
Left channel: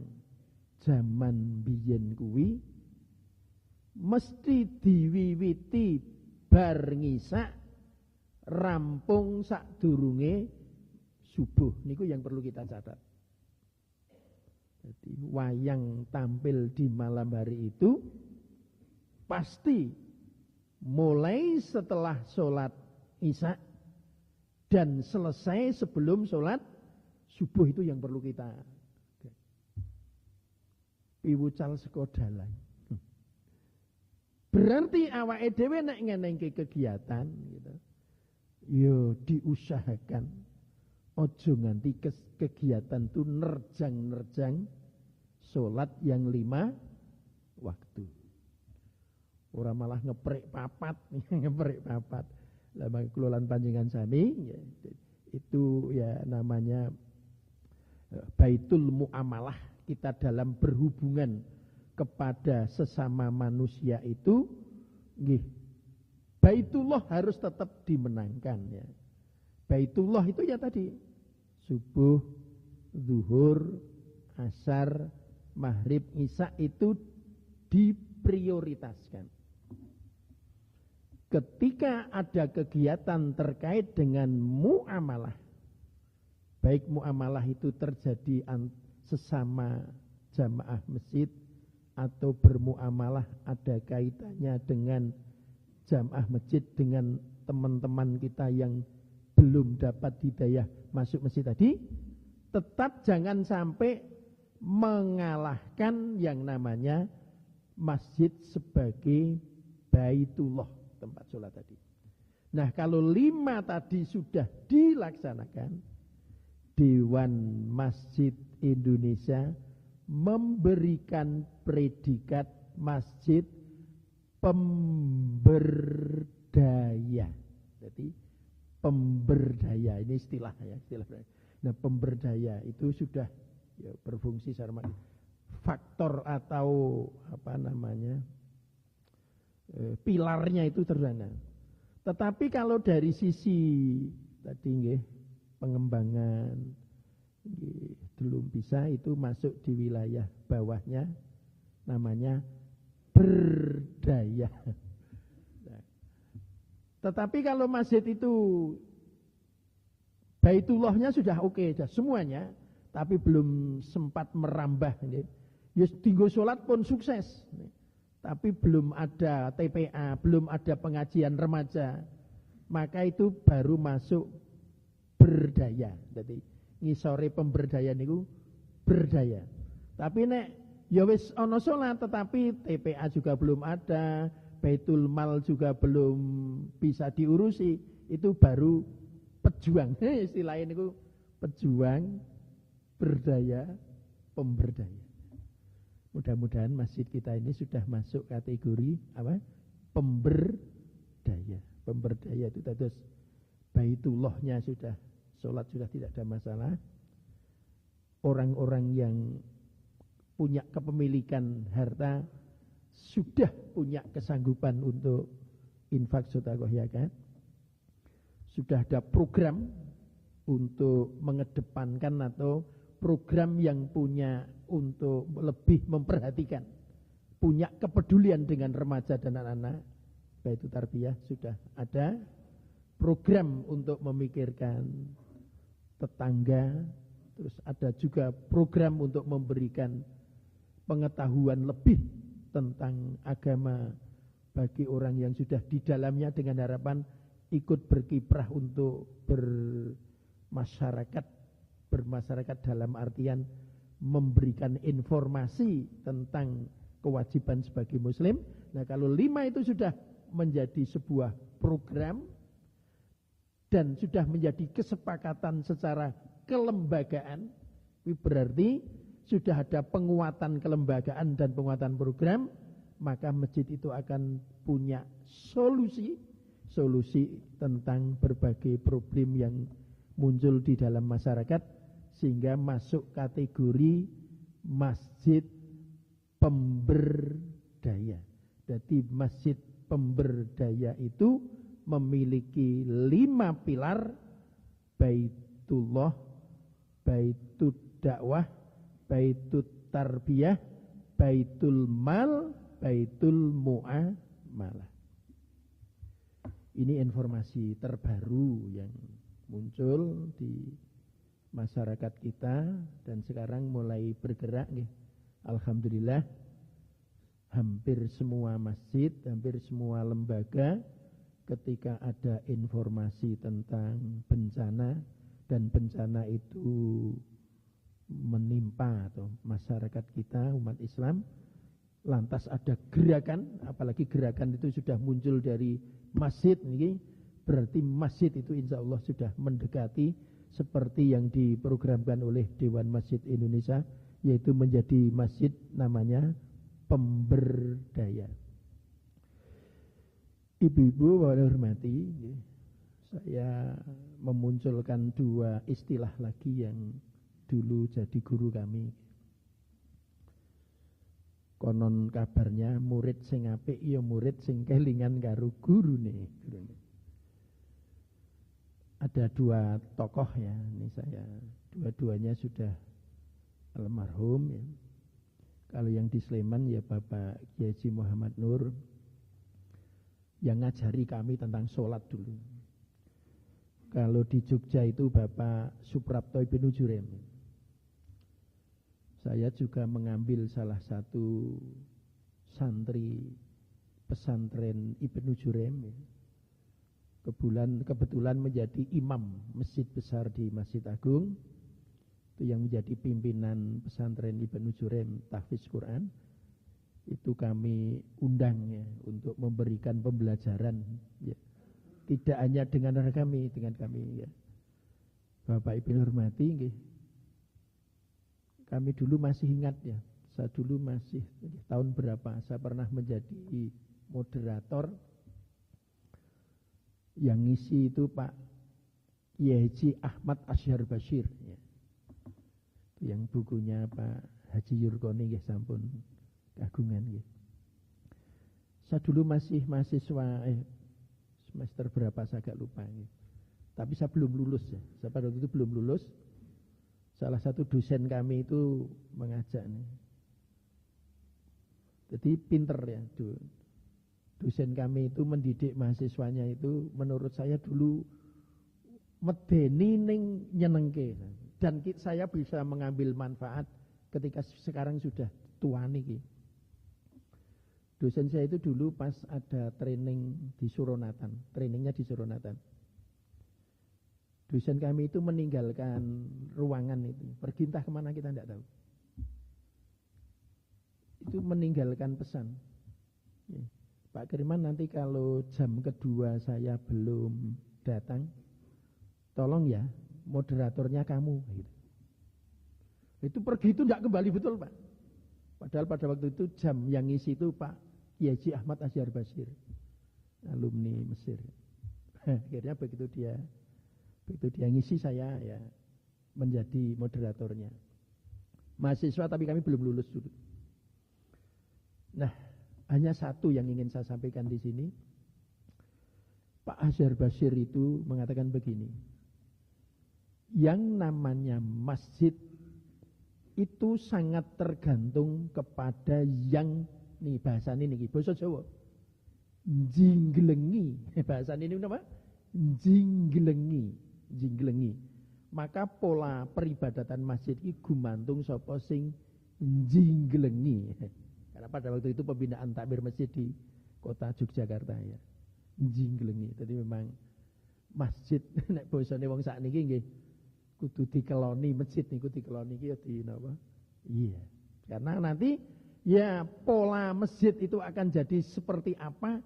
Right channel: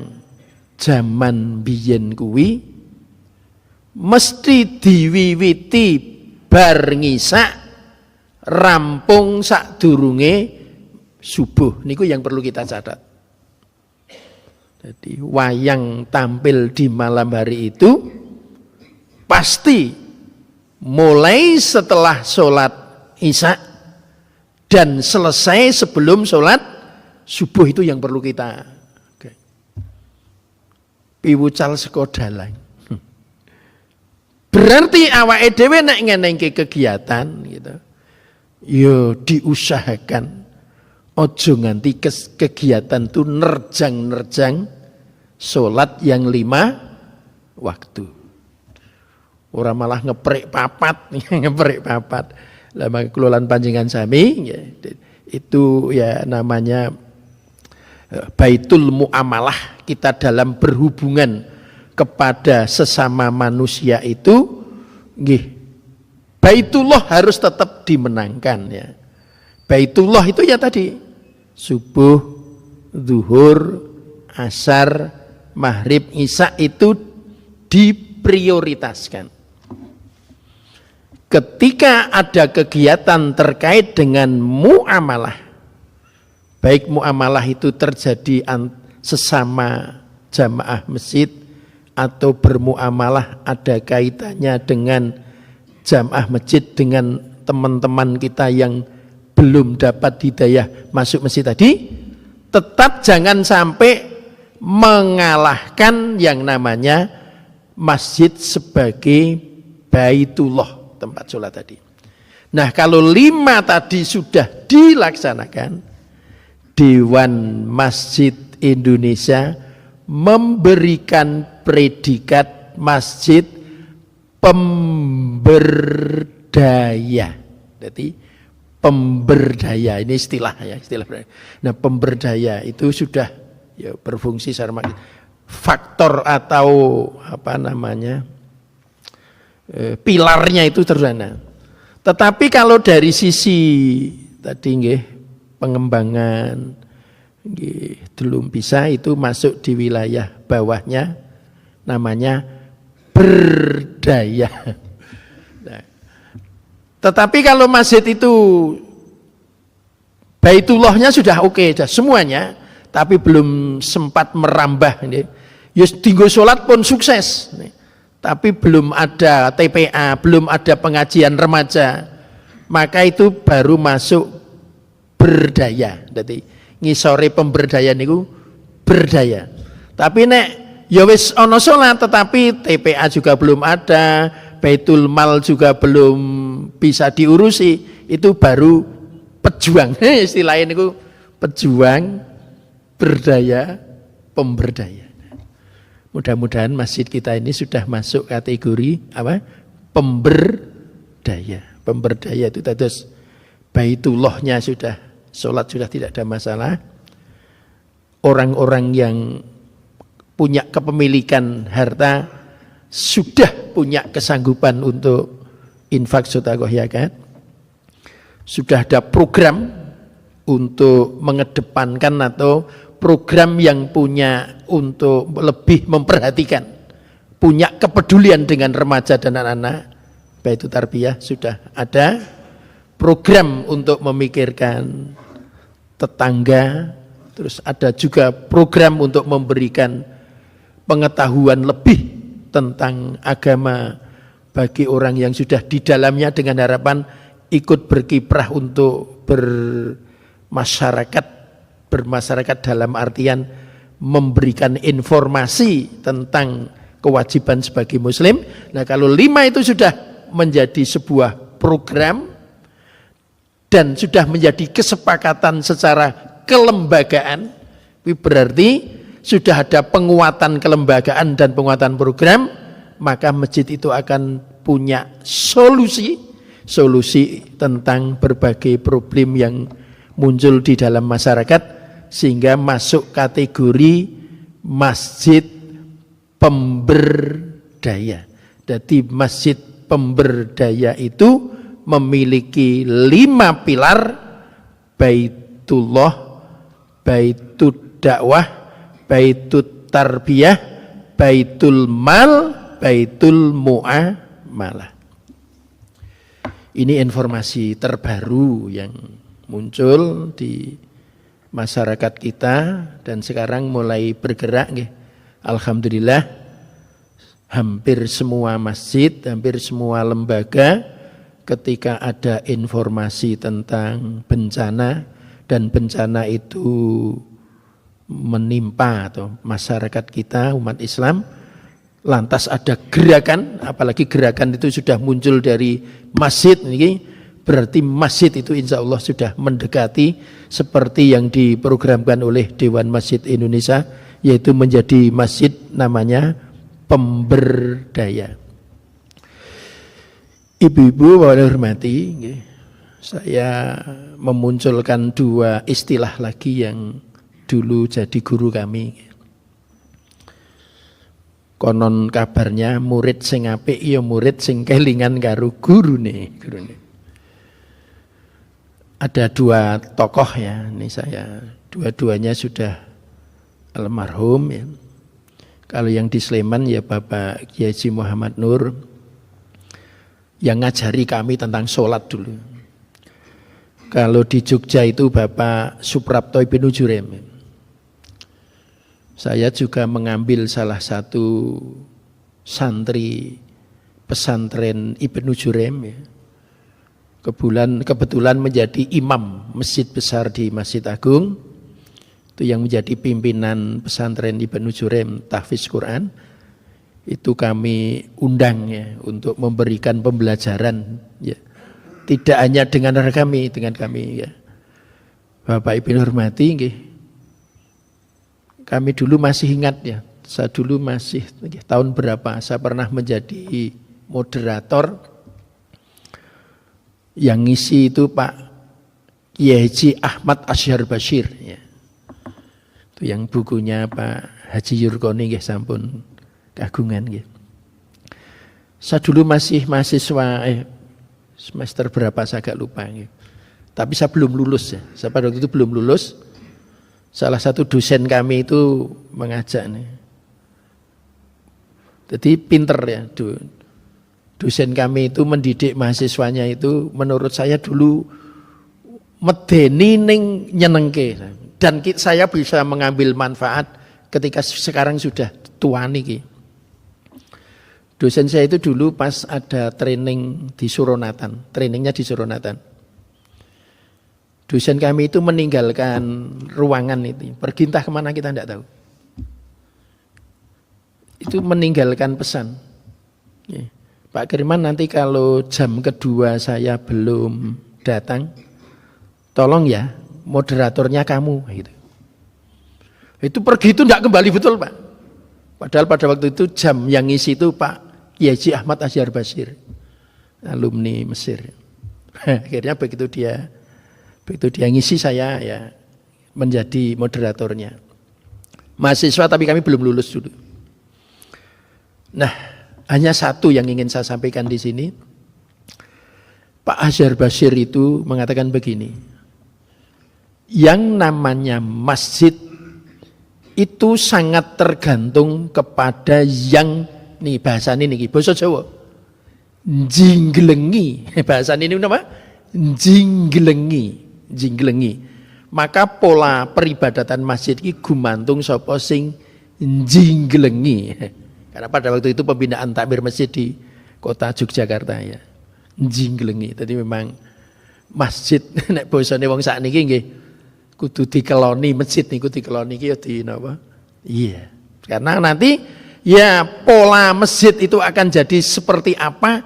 zaman biyen kuwi mesti diwiwiti bar ngisak rampung sadurunge subuh. Niku yang perlu kita catat. Jadi wayang tampil di malam hari itu pasti mulai setelah sholat isya dan selesai sebelum sholat subuh. Itu yang perlu kita piwucal saka dalang. Berarti awake dhewe nek ngenengke kegiatan gitu. Yo diusahakan ojo nganti kegiatan itu nerjang-nerjang sholat yang 5 waktu. Orang malah ngeprek papat, ngeprek papat. Lama kelolaan panjenengan sami ya, itu ya namanya baitul muamalah. Kita dalam berhubungan kepada sesama manusia itu nggih, Baitullah harus tetap dimenangkan ya. Baitullah itu ya tadi subuh, zuhur, asar, maghrib, isya itu diprioritaskan. Ketika ada kegiatan terkait dengan muamalah, baik muamalah itu terjadi sesama jamaah masjid atau bermuamalah ada kaitannya dengan jamaah masjid dengan teman-teman kita yang belum dapat hidayah masuk masjid tadi, tetap jangan sampai mengalahkan yang namanya masjid sebagai baitullah, tempat sholat tadi. Nah, kalau 5 tadi sudah dilaksanakan, Dewan Masjid Indonesia memberikan predikat masjid pemberdaya. Jadi pemberdaya ini istilah ya, istilah. Nah, pemberdaya itu sudah ya berfungsi secara faktor atau apa namanya pilarnya itu terus. Tetapi kalau dari sisi tadi nggih pengembangan nggih belum bisa, itu masuk di wilayah bawahnya namanya berdaya. Nah, tetapi kalau masjid itu baitullahnya sudah oke, sudah semuanya, tapi belum sempat merambah ini. Ya tinggal sholat pun sukses. Tapi belum ada TPA, belum ada pengajian remaja, maka itu baru masuk berdaya. Jadi ngisore pemberdayaan itu berdaya. Tapi nek ya wis ana salat tetapi TPA juga belum ada, Baitul Mal juga belum bisa diurusi, itu baru pejuang. Istilahnya itu pejuang, berdaya, pemberdaya. Mudah-mudahan masjid kita ini sudah masuk kategori apa? Pemberdaya. Pemberdaya itu terus baitullahnya sudah, sholat sudah tidak ada masalah. Orang-orang yang punya kepemilikan harta sudah punya kesanggupan untuk infak sedekah zakat. Sudah ada program untuk mengedepankan atau program yang punya untuk lebih memperhatikan, punya kepedulian dengan remaja dan anak-anak, baik itu tarbiyah sudah ada. Program untuk memikirkan tetangga, terus ada juga program untuk memberikan pengetahuan lebih tentang agama bagi orang yang sudah di dalamnya dengan harapan ikut berkiprah untuk bermasyarakat dalam artian memberikan informasi tentang kewajiban sebagai muslim. Nah, kalau 5 itu sudah menjadi sebuah program dan sudah menjadi kesepakatan secara kelembagaan, berarti sudah ada penguatan kelembagaan dan penguatan program, maka masjid itu akan punya solusi tentang berbagai problem yang muncul di dalam masyarakat, sehingga masuk kategori masjid pemberdaya. Jadi masjid pemberdaya itu memiliki 5 pilar: Baitullah, Baitud dakwah, Baitud tarbiyah, Baitul mal, Baitul muamalah. Ini informasi terbaru yang muncul di masyarakat kita dan sekarang mulai bergerak. Alhamdulillah, hampir semua masjid, hampir semua lembaga ketika ada informasi tentang bencana dan bencana itu menimpa atau masyarakat kita, umat Islam, lantas ada gerakan, apalagi gerakan itu sudah muncul dari masjid, ini berarti masjid itu insya Allah sudah mendekati seperti yang diprogramkan oleh Dewan Masjid Indonesia, yaitu menjadi masjid namanya pemberdaya. Ibu-ibu yang hormati, saya memunculkan 2 istilah lagi yang dulu jadi guru kami. Konon kabarnya murid sing apik ya murid sing kelingan karo gurune. Ada 2 tokoh ya, ini saya dua-duanya sudah almarhum ya. Kalau yang di Sleman ya Bapak Kiai Haji Muhammad Nur yang ngajari kami tentang sholat dulu. Kalau di Jogja itu Bapak Suprapto Ibnu Jurem. Saya juga mengambil salah satu santri pesantren Ibnu Jurem ya. Kebetulan menjadi imam masjid besar di Masjid Agung. Itu yang menjadi pimpinan pesantren Ibnu Jurem tahfiz Quran. Itu kami undang ya untuk memberikan pembelajaran ya. Tidak hanya dengan kami ya. Bapak Ibu hormati nggih. Kami dulu masih ingat ya. Saya dulu masih tahun berapa saya pernah menjadi moderator yang ngisi itu Pak Kiai Haji Ahmad Asyhar Bashir ya. Itu yang bukunya Pak Haji Yurkoni nggih sampun kagungan gitu. Saya dulu masih mahasiswa semester berapa saya agak lupa gitu. Tapi saya belum lulus ya. Saya pada waktu itu belum lulus. Salah satu dosen kami itu mengajak nih. Jadi pinter ya. Dosen kami itu mendidik mahasiswanya itu menurut saya dulu medeni ning nyenengke. Dan saya bisa mengambil manfaat ketika sekarang sudah tua niki. Dosen saya itu dulu pas ada training di Suronatan, trainingnya di Suronatan. Dosen kami itu meninggalkan ruangan itu, pergi entah kemana kita tidak tahu. Itu meninggalkan pesan. Pak Kirman nanti kalau jam kedua saya belum datang, tolong ya moderatornya kamu. Gitu. Itu pergi itu tidak kembali betul Pak. Padahal pada waktu itu jam yang ngisi itu Pak Kiai Haji Ahmad Asyhar Bashir, alumni Mesir. Akhirnya begitu dia ngisi saya ya menjadi moderatornya. Mahasiswa tapi kami belum lulus dulu. Nah, hanya satu yang ingin saya sampaikan di sini. Pak Asyhar Bashir itu mengatakan begini. Yang namanya masjid itu sangat tergantung kepada yang nih bahasa ini bahasa Jawa jinggelengi bahasa ini apa? Jinggelengi. Maka pola peribadatan masjid ini gumantung sapa sing jinggelengi. Karena pada waktu itu pembinaan takmir masjid di kota Yogyakarta ya. Jinglengi. Tadi memang masjid nek bosone wong sakniki nggih kudu dikeloni masjid niku dikeloni iki ya di napa? Iya. Karena nanti ya pola masjid itu akan jadi seperti apa?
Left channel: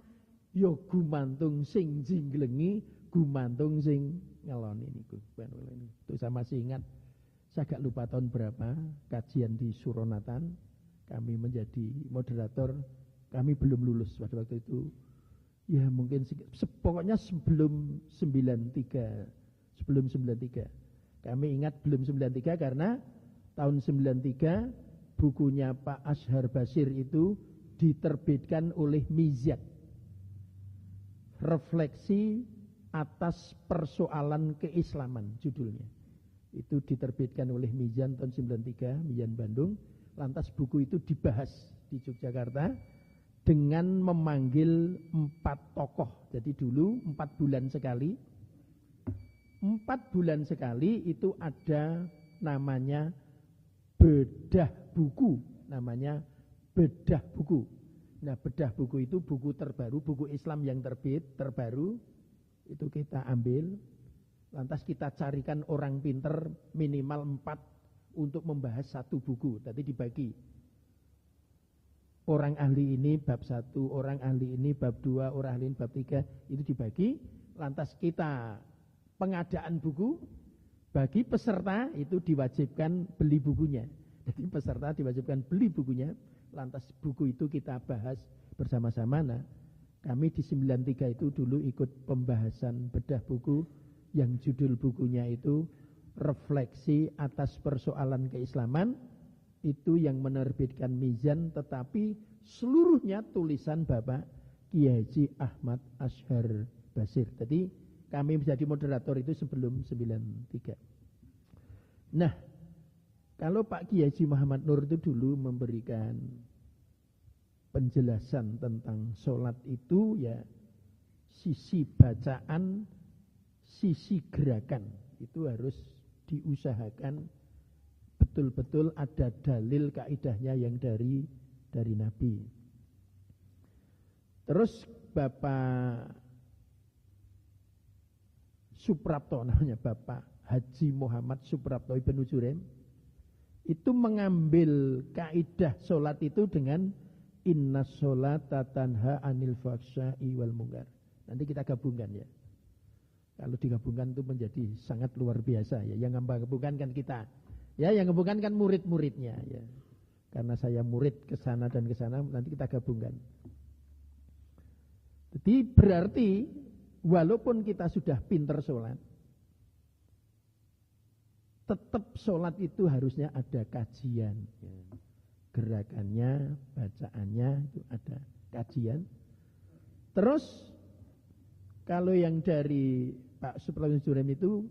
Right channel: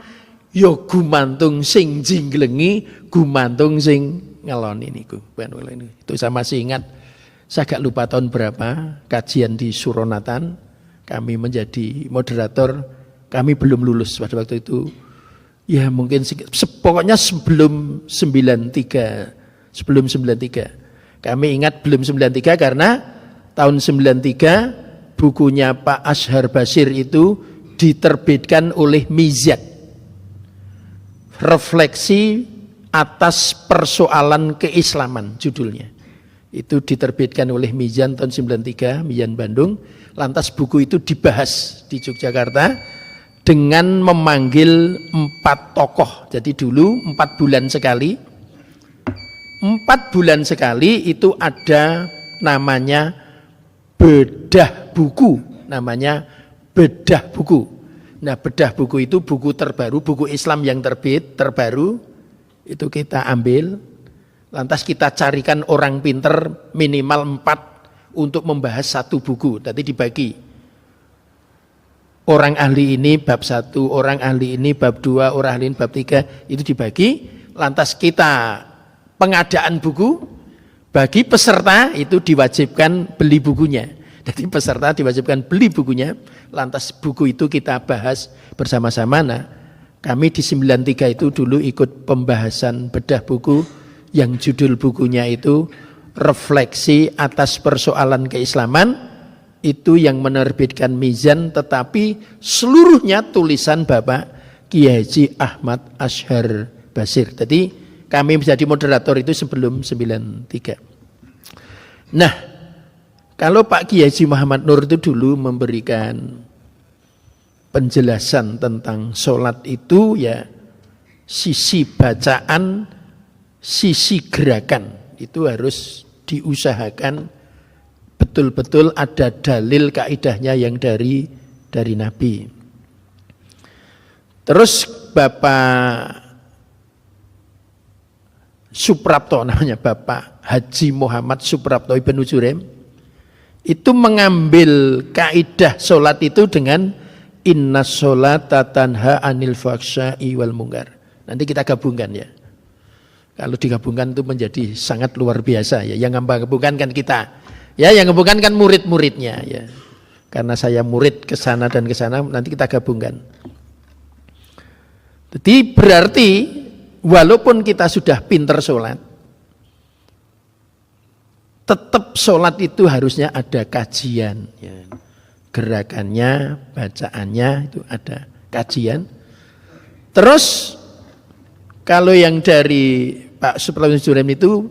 Ya gumantung sing jinglengi, gumantung sing ngeloni niku. Itu saya masih ingat, saya agak lupa tahun berapa, kajian di Suronatan, kami menjadi moderator, kami belum lulus pada waktu itu. Ya mungkin pokoknya sebelum 93. Kami ingat belum 93 karena tahun 93 bukunya Pak Ashar Basir itu diterbitkan oleh Mizan. Refleksi atas persoalan keislaman judulnya. Itu diterbitkan oleh Mizan tahun 93, Mizan Bandung. Lantas buku itu dibahas di Yogyakarta dengan memanggil 4 tokoh. Jadi dulu 4 bulan sekali. 4 bulan sekali itu ada namanya bedah buku. Namanya bedah buku. Nah bedah buku itu buku terbaru, buku Islam yang terbit, terbaru. Itu kita ambil. Lantas kita carikan orang pinter minimal 4 untuk membahas satu buku. Nanti dibagi. Orang ahli ini bab 1, orang ahli ini bab 2, orang ahli ini bab 3. Itu dibagi. Lantas kita pengadaan buku. Bagi peserta itu diwajibkan beli bukunya. Jadi peserta diwajibkan beli bukunya. Lantas buku itu kita bahas bersama-sama. Nah, kami di 93 itu dulu ikut pembahasan bedah buku yang judul bukunya itu Refleksi atas Persoalan Keislaman. Itu yang menerbitkan Mizan, tetapi seluruhnya tulisan Bapak Kiai Haji Ahmad Ashar Basir. Jadi kami menjadi moderator itu sebelum 93. Nah, kalau Pak Kiai Haji Muhammad Nur itu dulu memberikan penjelasan tentang sholat itu ya sisi bacaan, sisi gerakan itu harus diusahakan betul-betul ada dalil kaidahnya yang dari Nabi. Terus Bapak Suprapto namanya, Bapak Haji Muhammad Suprapto Ibnu Jurem itu mengambil kaidah sholat itu dengan inna sholata tanha anil fahsya'i wal munkar. Nanti kita gabungkan ya. Kalau digabungkan itu menjadi sangat luar biasa ya. Yang gabungkan kan kita. Ya, yang gabungkan kan murid-muridnya ya. Karena saya murid ke sana dan ke sana, nanti kita gabungkan. Jadi berarti walaupun kita sudah pinter sholat, tetap sholat itu harusnya ada kajian ya. Gerakannya, bacaannya itu ada kajian. Terus kalau yang dari Pak Suprapto Jurem itu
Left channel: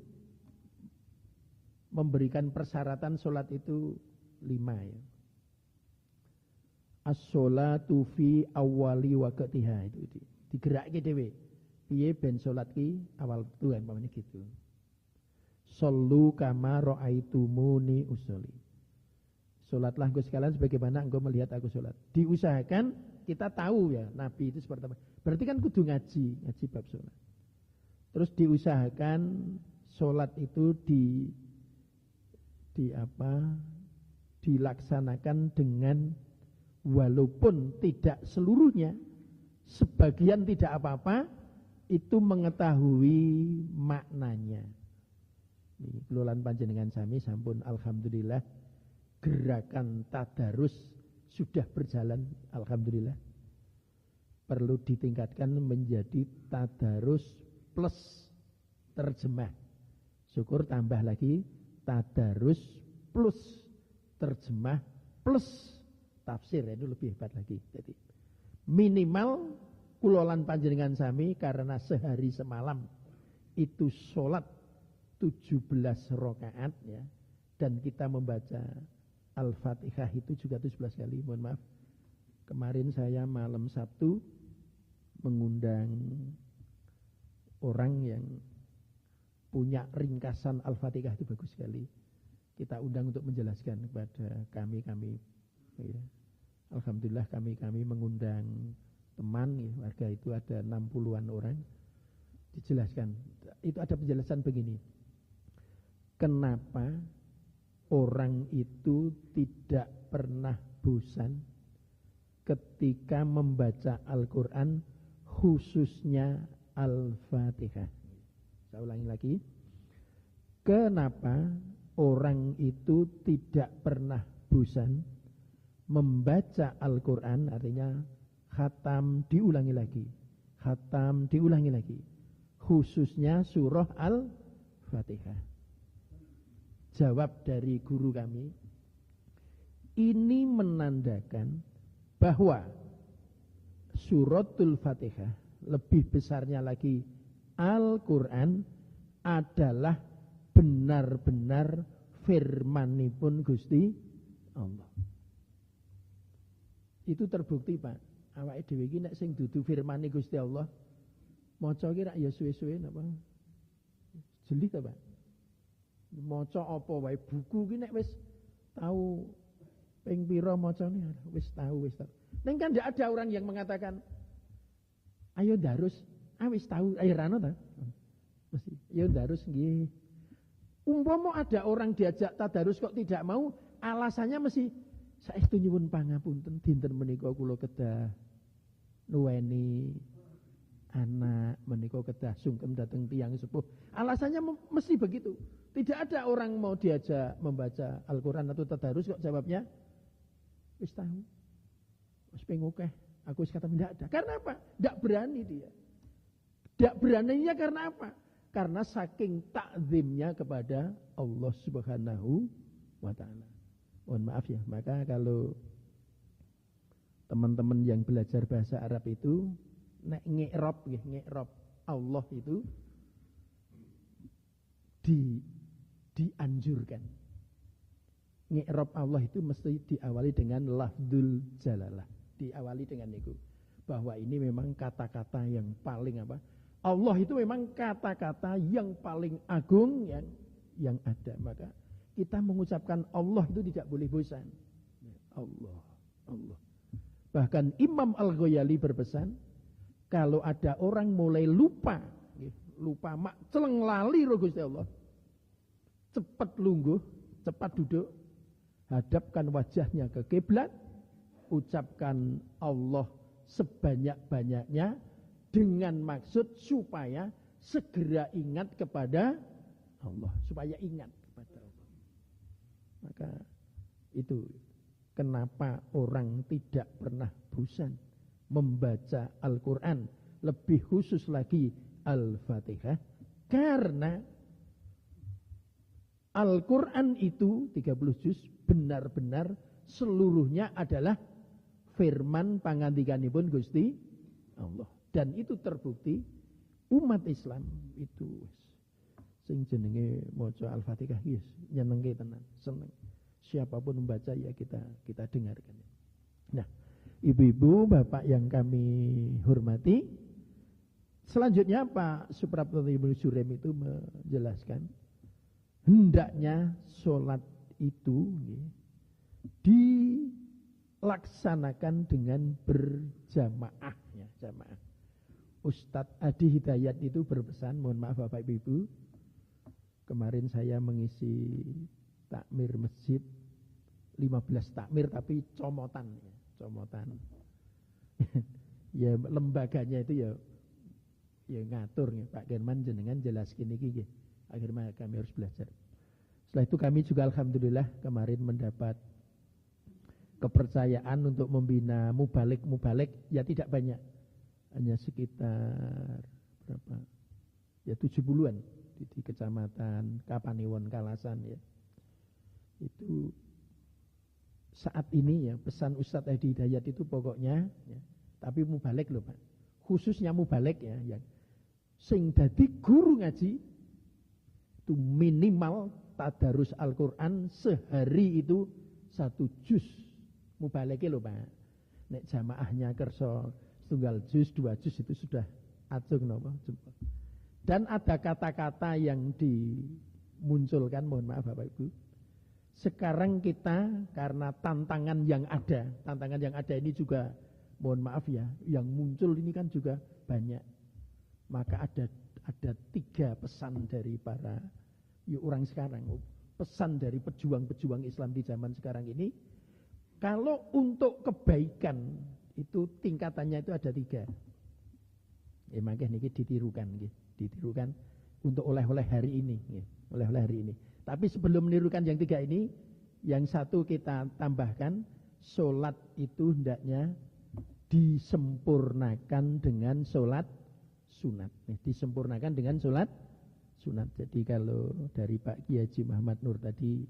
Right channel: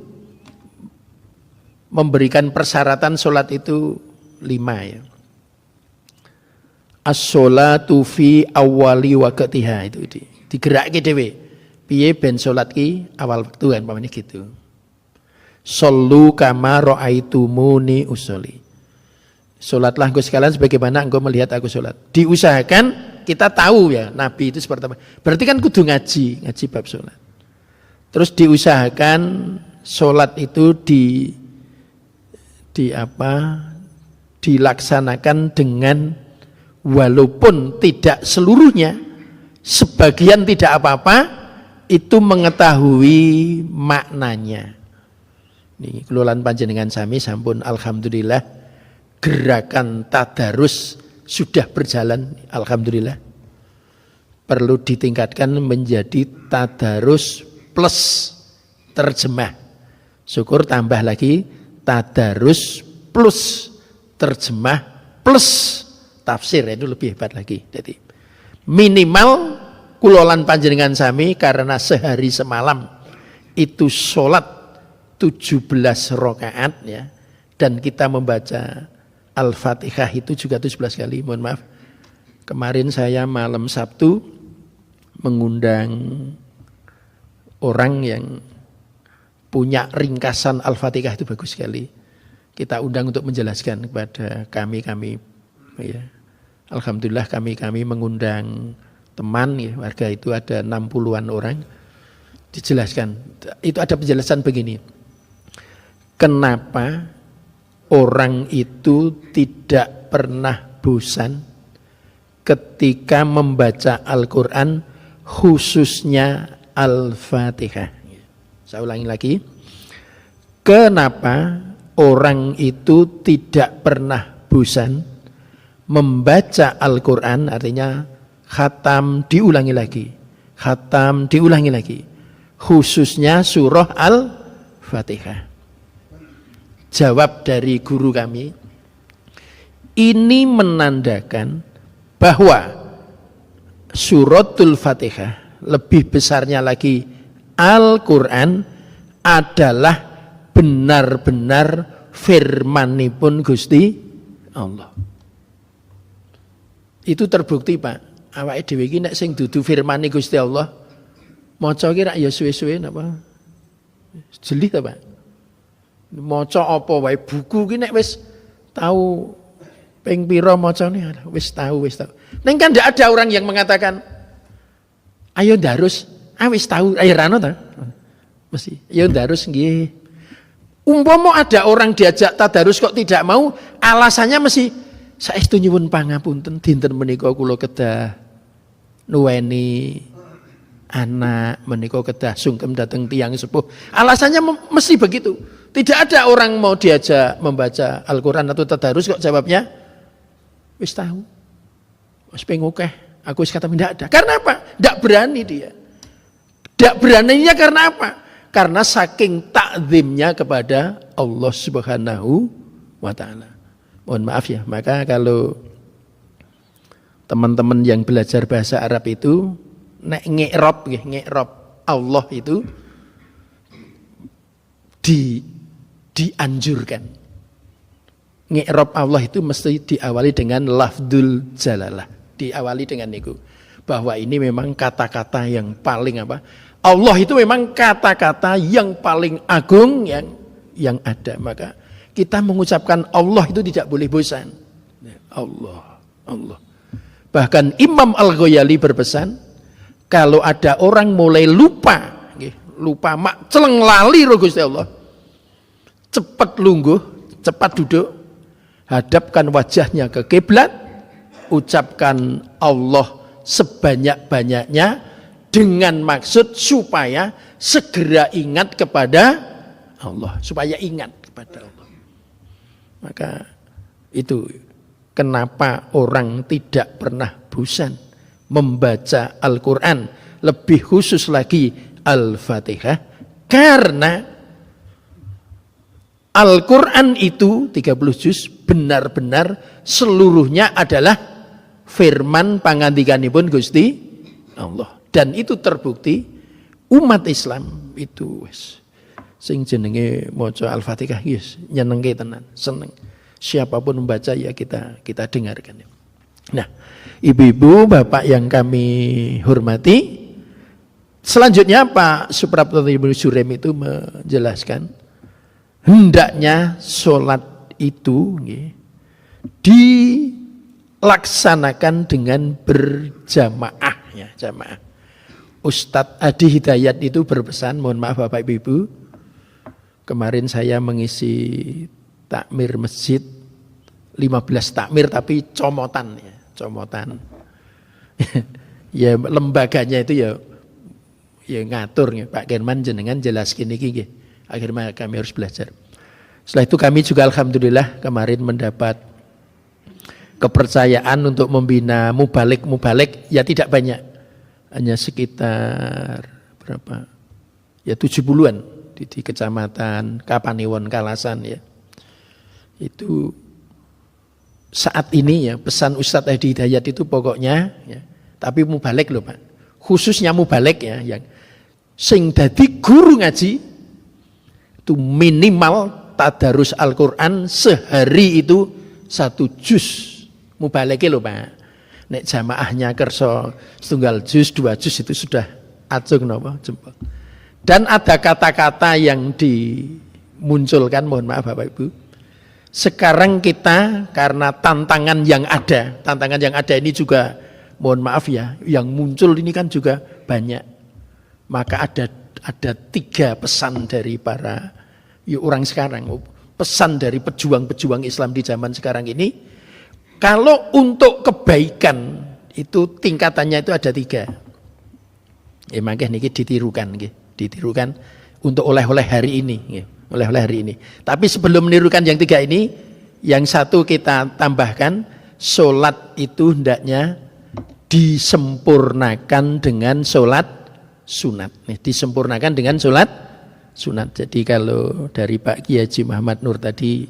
memberikan persyaratan sholat itu 5 ya. As-sholatu fi awali waqtiha itu digerakke dhewe. Piye ben sholat ki awal waktu kan pamane gitu. Shollu kama ra'aitumuni usolli. Sholatlah engkau sekalian sebagaimana engkau melihat aku sholat. Diusahakan kita tahu ya Nabi itu seperti apa. Berarti kan kudu ngaji bab sholat. Terus diusahakan sholat itu dilaksanakan dengan walaupun tidak seluruhnya, sebagian tidak apa-apa, itu mengetahui maknanya. Ini kelolaan panjenengan sami sampun alhamdulillah gerakan tadarus sudah berjalan alhamdulillah. Perlu ditingkatkan menjadi tadarus plus terjemah. Syukur tambah lagi tadarus plus terjemah plus tafsir, itu lebih hebat lagi. Jadi minimal kulolan panjenengan sami karena sehari semalam itu sholat 17 rakaat ya, dan kita membaca Al-Fatihah itu juga 17 kali. Mohon maaf, kemarin saya malam Sabtu mengundang orang yang punya ringkasan Al-Fatihah itu bagus sekali. Kita undang untuk menjelaskan kepada kami ya. Alhamdulillah kami mengundang teman ya, warga itu ada 60-an orang. Dijelaskan, itu ada penjelasan begini. Kenapa orang itu tidak pernah bosan ketika membaca Al-Quran, khususnya Al-Fatihah. Saya ulangi lagi. Kenapa orang itu tidak pernah bosan membaca Al-Quran, artinya khatam diulangi lagi, khatam diulangi lagi, khususnya surah Al-Fatihah. Jawab dari guru kami, ini menandakan bahwa suratul Fatihah, lebih besarnya lagi Al-Quran, adalah benar-benar firmanipun Gusti Allah. Itu terbukti Pak. Awake dhewe iki nek sing dudu firmane Gusti Allah, maca ki rak ya suwe-suwe napa? Jeli ta Pak? Maca apa wae buku ki nek wis tahu ping pira macane wis tahu. Ning kan ndak ada orang yang mengatakan ayo ndarus, wis tahu, ayo rano ta? Mesti, ayo ndarus nggih. Umpama ada orang diajak tadarus kok tidak mau, alasannya mesti saestu nyuwun pangapunten dinten menika kula kedah nuweni anak, menika kedah sungkem dateng tiyang sepuh. Alasannya mesti begitu. Tidak ada orang mau diajak membaca Al-Quran atau tadarus kok jawabnya wis tahu. Wis pengokeh, aku wis kata tidak ada. Karena apa? Tidak berani dia. Tidak beraninya karena apa? Karena saking takzimnya kepada Allah Subhanahu wa ta'ala. Mohon maaf ya, maka kalau teman-teman yang belajar bahasa Arab itu nek ngi'rab Allah itu dianjurkan. Ngi'rab Allah itu mesti diawali dengan lafdzul jalalah, diawali dengan itu. Bahwa ini memang kata-kata yang paling apa? Allah itu memang kata-kata yang paling agung yang ada. Maka kita mengucapkan Allah itu tidak boleh bosan. Allah. Bahkan Imam Al-Ghazali berpesan, kalau ada orang mulai lupa mak celeng lali ro Gusti Allah, cepat lungguh, cepat duduk, hadapkan wajahnya ke kiblat, ucapkan Allah sebanyak-banyaknya dengan maksud supaya segera ingat kepada Allah, supaya ingat kepada Allah. Maka itu kenapa orang tidak pernah bosan membaca Al-Quran, lebih khusus lagi Al-Fatihah, karena Al-Quran itu 30 juz benar-benar seluruhnya adalah firman pangandikanipun Gusti Allah. Dan itu terbukti umat Islam itu sing jenenge maca Al-Fatihah yes, nyenengke tenan, seneng. Siapapun membaca ya kita dengarkan. Nah, ibu-ibu, bapak yang kami hormati, selanjutnya Pak Suprapto Ibnu Surem itu menjelaskan hendaknya sholat itu dilaksanakan dengan berjamaah ya, jamaah. Ustadz Adi Hidayat itu berpesan, mohon maaf Bapak Ibu, kemarin saya mengisi takmir masjid 15 takmir tapi comotan ya, comotan. Ya lembaganya itu ya ngatur ya, Pak German jenengan jelaskin iki nggih. Akhirnya kami harus belajar. Setelah itu kami juga alhamdulillah kemarin mendapat kepercayaan untuk membina mubalik ya tidak banyak. Hanya sekitar berapa? Ya 70-an di kecamatan Kapanewon Kalasan ya. Itu saat ini ya pesan Ustadz Adi Hidayat itu pokoknya ya, tapi mubalik loh Pak. Khususnya mubalik ya yang sing dadi guru ngaji itu minimal tadarus Al-Quran sehari itu 1 juz mubalik loh Pak. Nek jamaahnya kerso setunggal juz, 2 juz itu sudah acung napa jempol. Dan ada kata-kata yang dimunculkan, mohon maaf Bapak Ibu. Sekarang kita karena tantangan yang ada ini juga mohon maaf ya, yang muncul ini kan juga banyak. Maka ada 3 pesan dari para orang sekarang, pesan dari pejuang-pejuang Islam di zaman sekarang ini. Kalau untuk kebaikan itu tingkatannya itu ada 3. Makanya niki ditirukan untuk oleh-oleh hari ini. Oleh-oleh hari ini. Tapi sebelum menirukan yang 3 ini, yang satu kita tambahkan, sholat itu hendaknya disempurnakan dengan sholat sunat. Disempurnakan dengan sholat sunat. Jadi kalau dari Pak Kiai Haji Muhammad Nur tadi,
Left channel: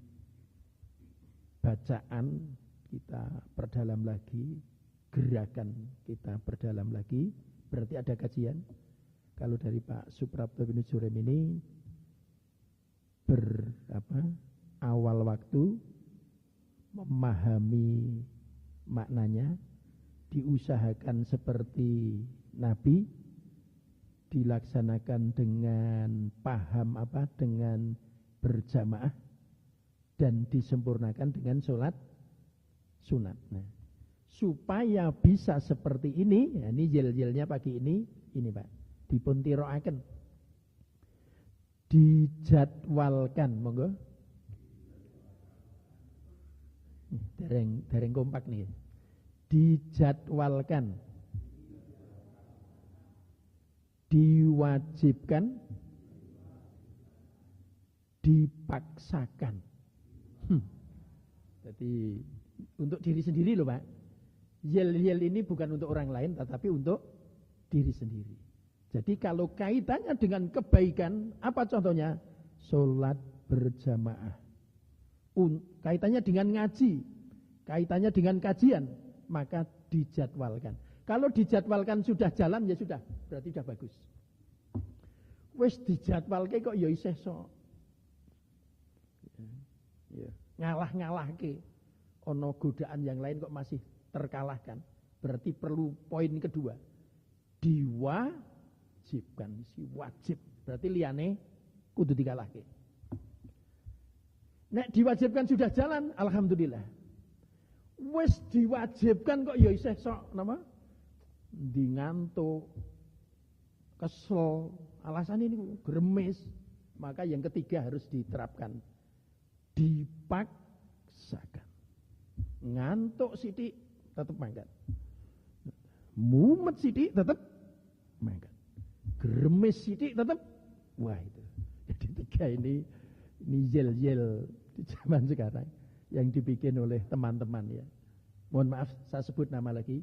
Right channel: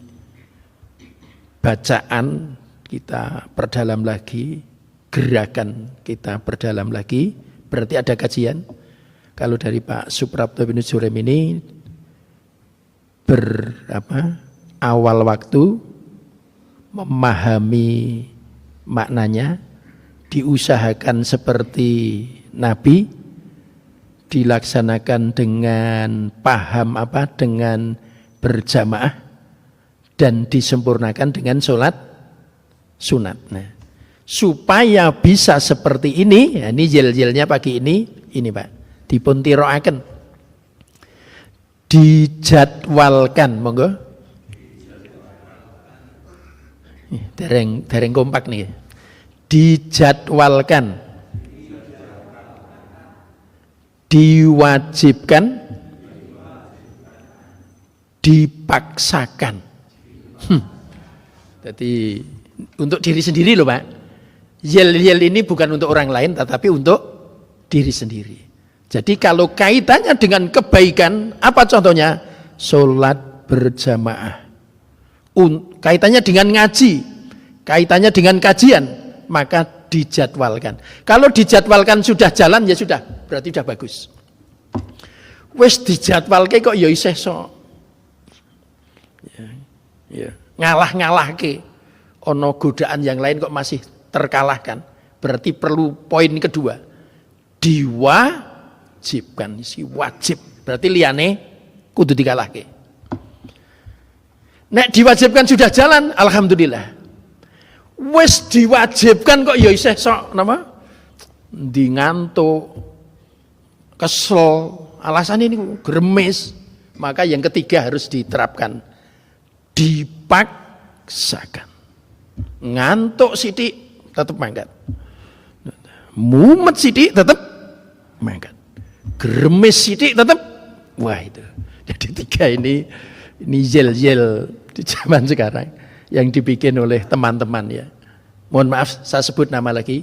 bacaan kita perdalam lagi, gerakan kita perdalam lagi, berarti ada kajian. Kalau dari Pak Suprapto bin Jurem ini awal waktu memahami maknanya, diusahakan seperti Nabi, dilaksanakan dengan paham dengan berjamaah, dan disempurnakan dengan sholat sunat. Nah, supaya bisa seperti ini, ini jel-jelnya pagi ini Pak, dipun tiroaken, dijadwalkan, monggo. Dereng kompak nih. Dijadwalkan, diwajibkan, dipaksakan. Jadi untuk diri sendiri loh Pak. Yel-yel ini bukan untuk orang lain tetapi untuk diri sendiri. Jadi kalau kaitannya dengan kebaikan, apa contohnya? Sholat berjamaah. Kaitannya dengan ngaji, kaitannya dengan kajian, maka dijadwalkan. Kalau dijadwalkan sudah jalan, ya sudah, berarti sudah bagus. Wes dijadwalke kok ya isih sok. Ngalah-ngalahke. Ono godaan yang lain kok masih terkalahkan. Berarti perlu poin kedua. Diwajibkan, si wajib. Berarti liyane kudu dikalahke. Nek diwajibkan sudah jalan, alhamdulillah. Wes diwajibkan kok ya isih sok napa? Ndi ngantuk, kesel, alasan ini gremes. Maka yang ketiga harus diterapkan. Dipaksakan. Ngantuk sithik tetap mangkat. Mumet sithik tetap mangkat. Gremes sithik tetap, wah itu. Jadi 3 ini yel-yel di zaman sekarang yang dibikin oleh teman-teman ya. Mohon maaf saya sebut nama lagi,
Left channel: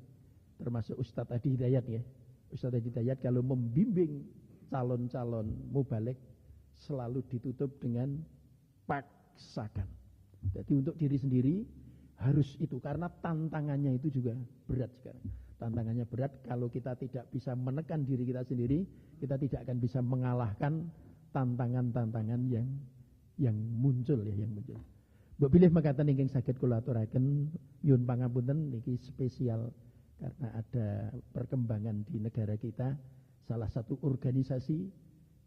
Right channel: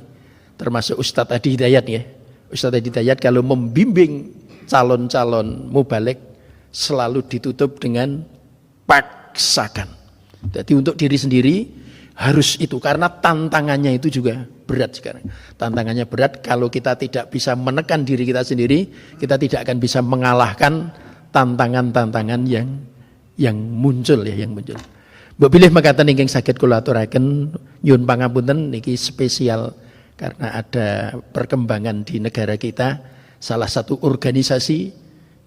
termasuk Ustadz Adi Hidayat ya. Ustadz Adi Hidayat kalau membimbing calon-calon mubaligh selalu ditutup dengan paksakan. Jadi untuk diri sendiri harus itu, karena tantangannya itu juga berat sekarang. Tantangannya berat, kalau kita tidak bisa menekan diri kita sendiri, kita tidak akan bisa mengalahkan tantangan-tantangan yang muncul ya, yang muncul. Mbok bilih mekaten ingkang saged kula aturaken nyuwun pangapunten niki spesial karena ada perkembangan di negara kita, salah satu organisasi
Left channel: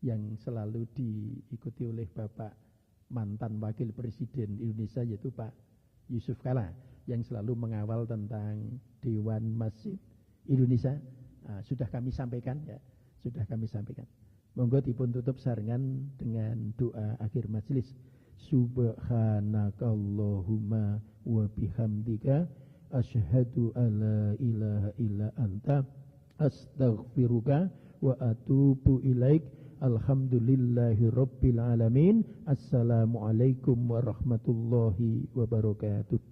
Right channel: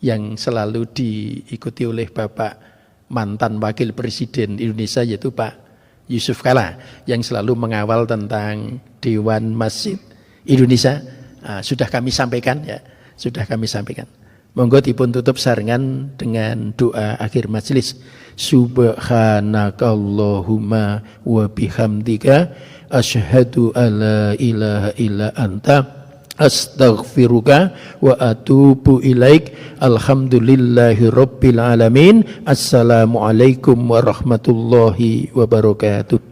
yang selalu diikuti oleh Bapak mantan Wakil Presiden Indonesia yaitu Pak Yusuf Kalla yang selalu mengawal tentang Dewan Masjid Indonesia. Sudah kami sampaikan ya, sudah kami sampaikan. Monggo dipun tutup sarengan dengan doa akhir majelis. Subhanakallahumma wa bihamdika asyhadu alla ilaha illa anta astaghfiruka wa atubu ilaik. Alhamdulillahi rabbil alamin. Assalamualaikum warahmatullahi wabarakatuh.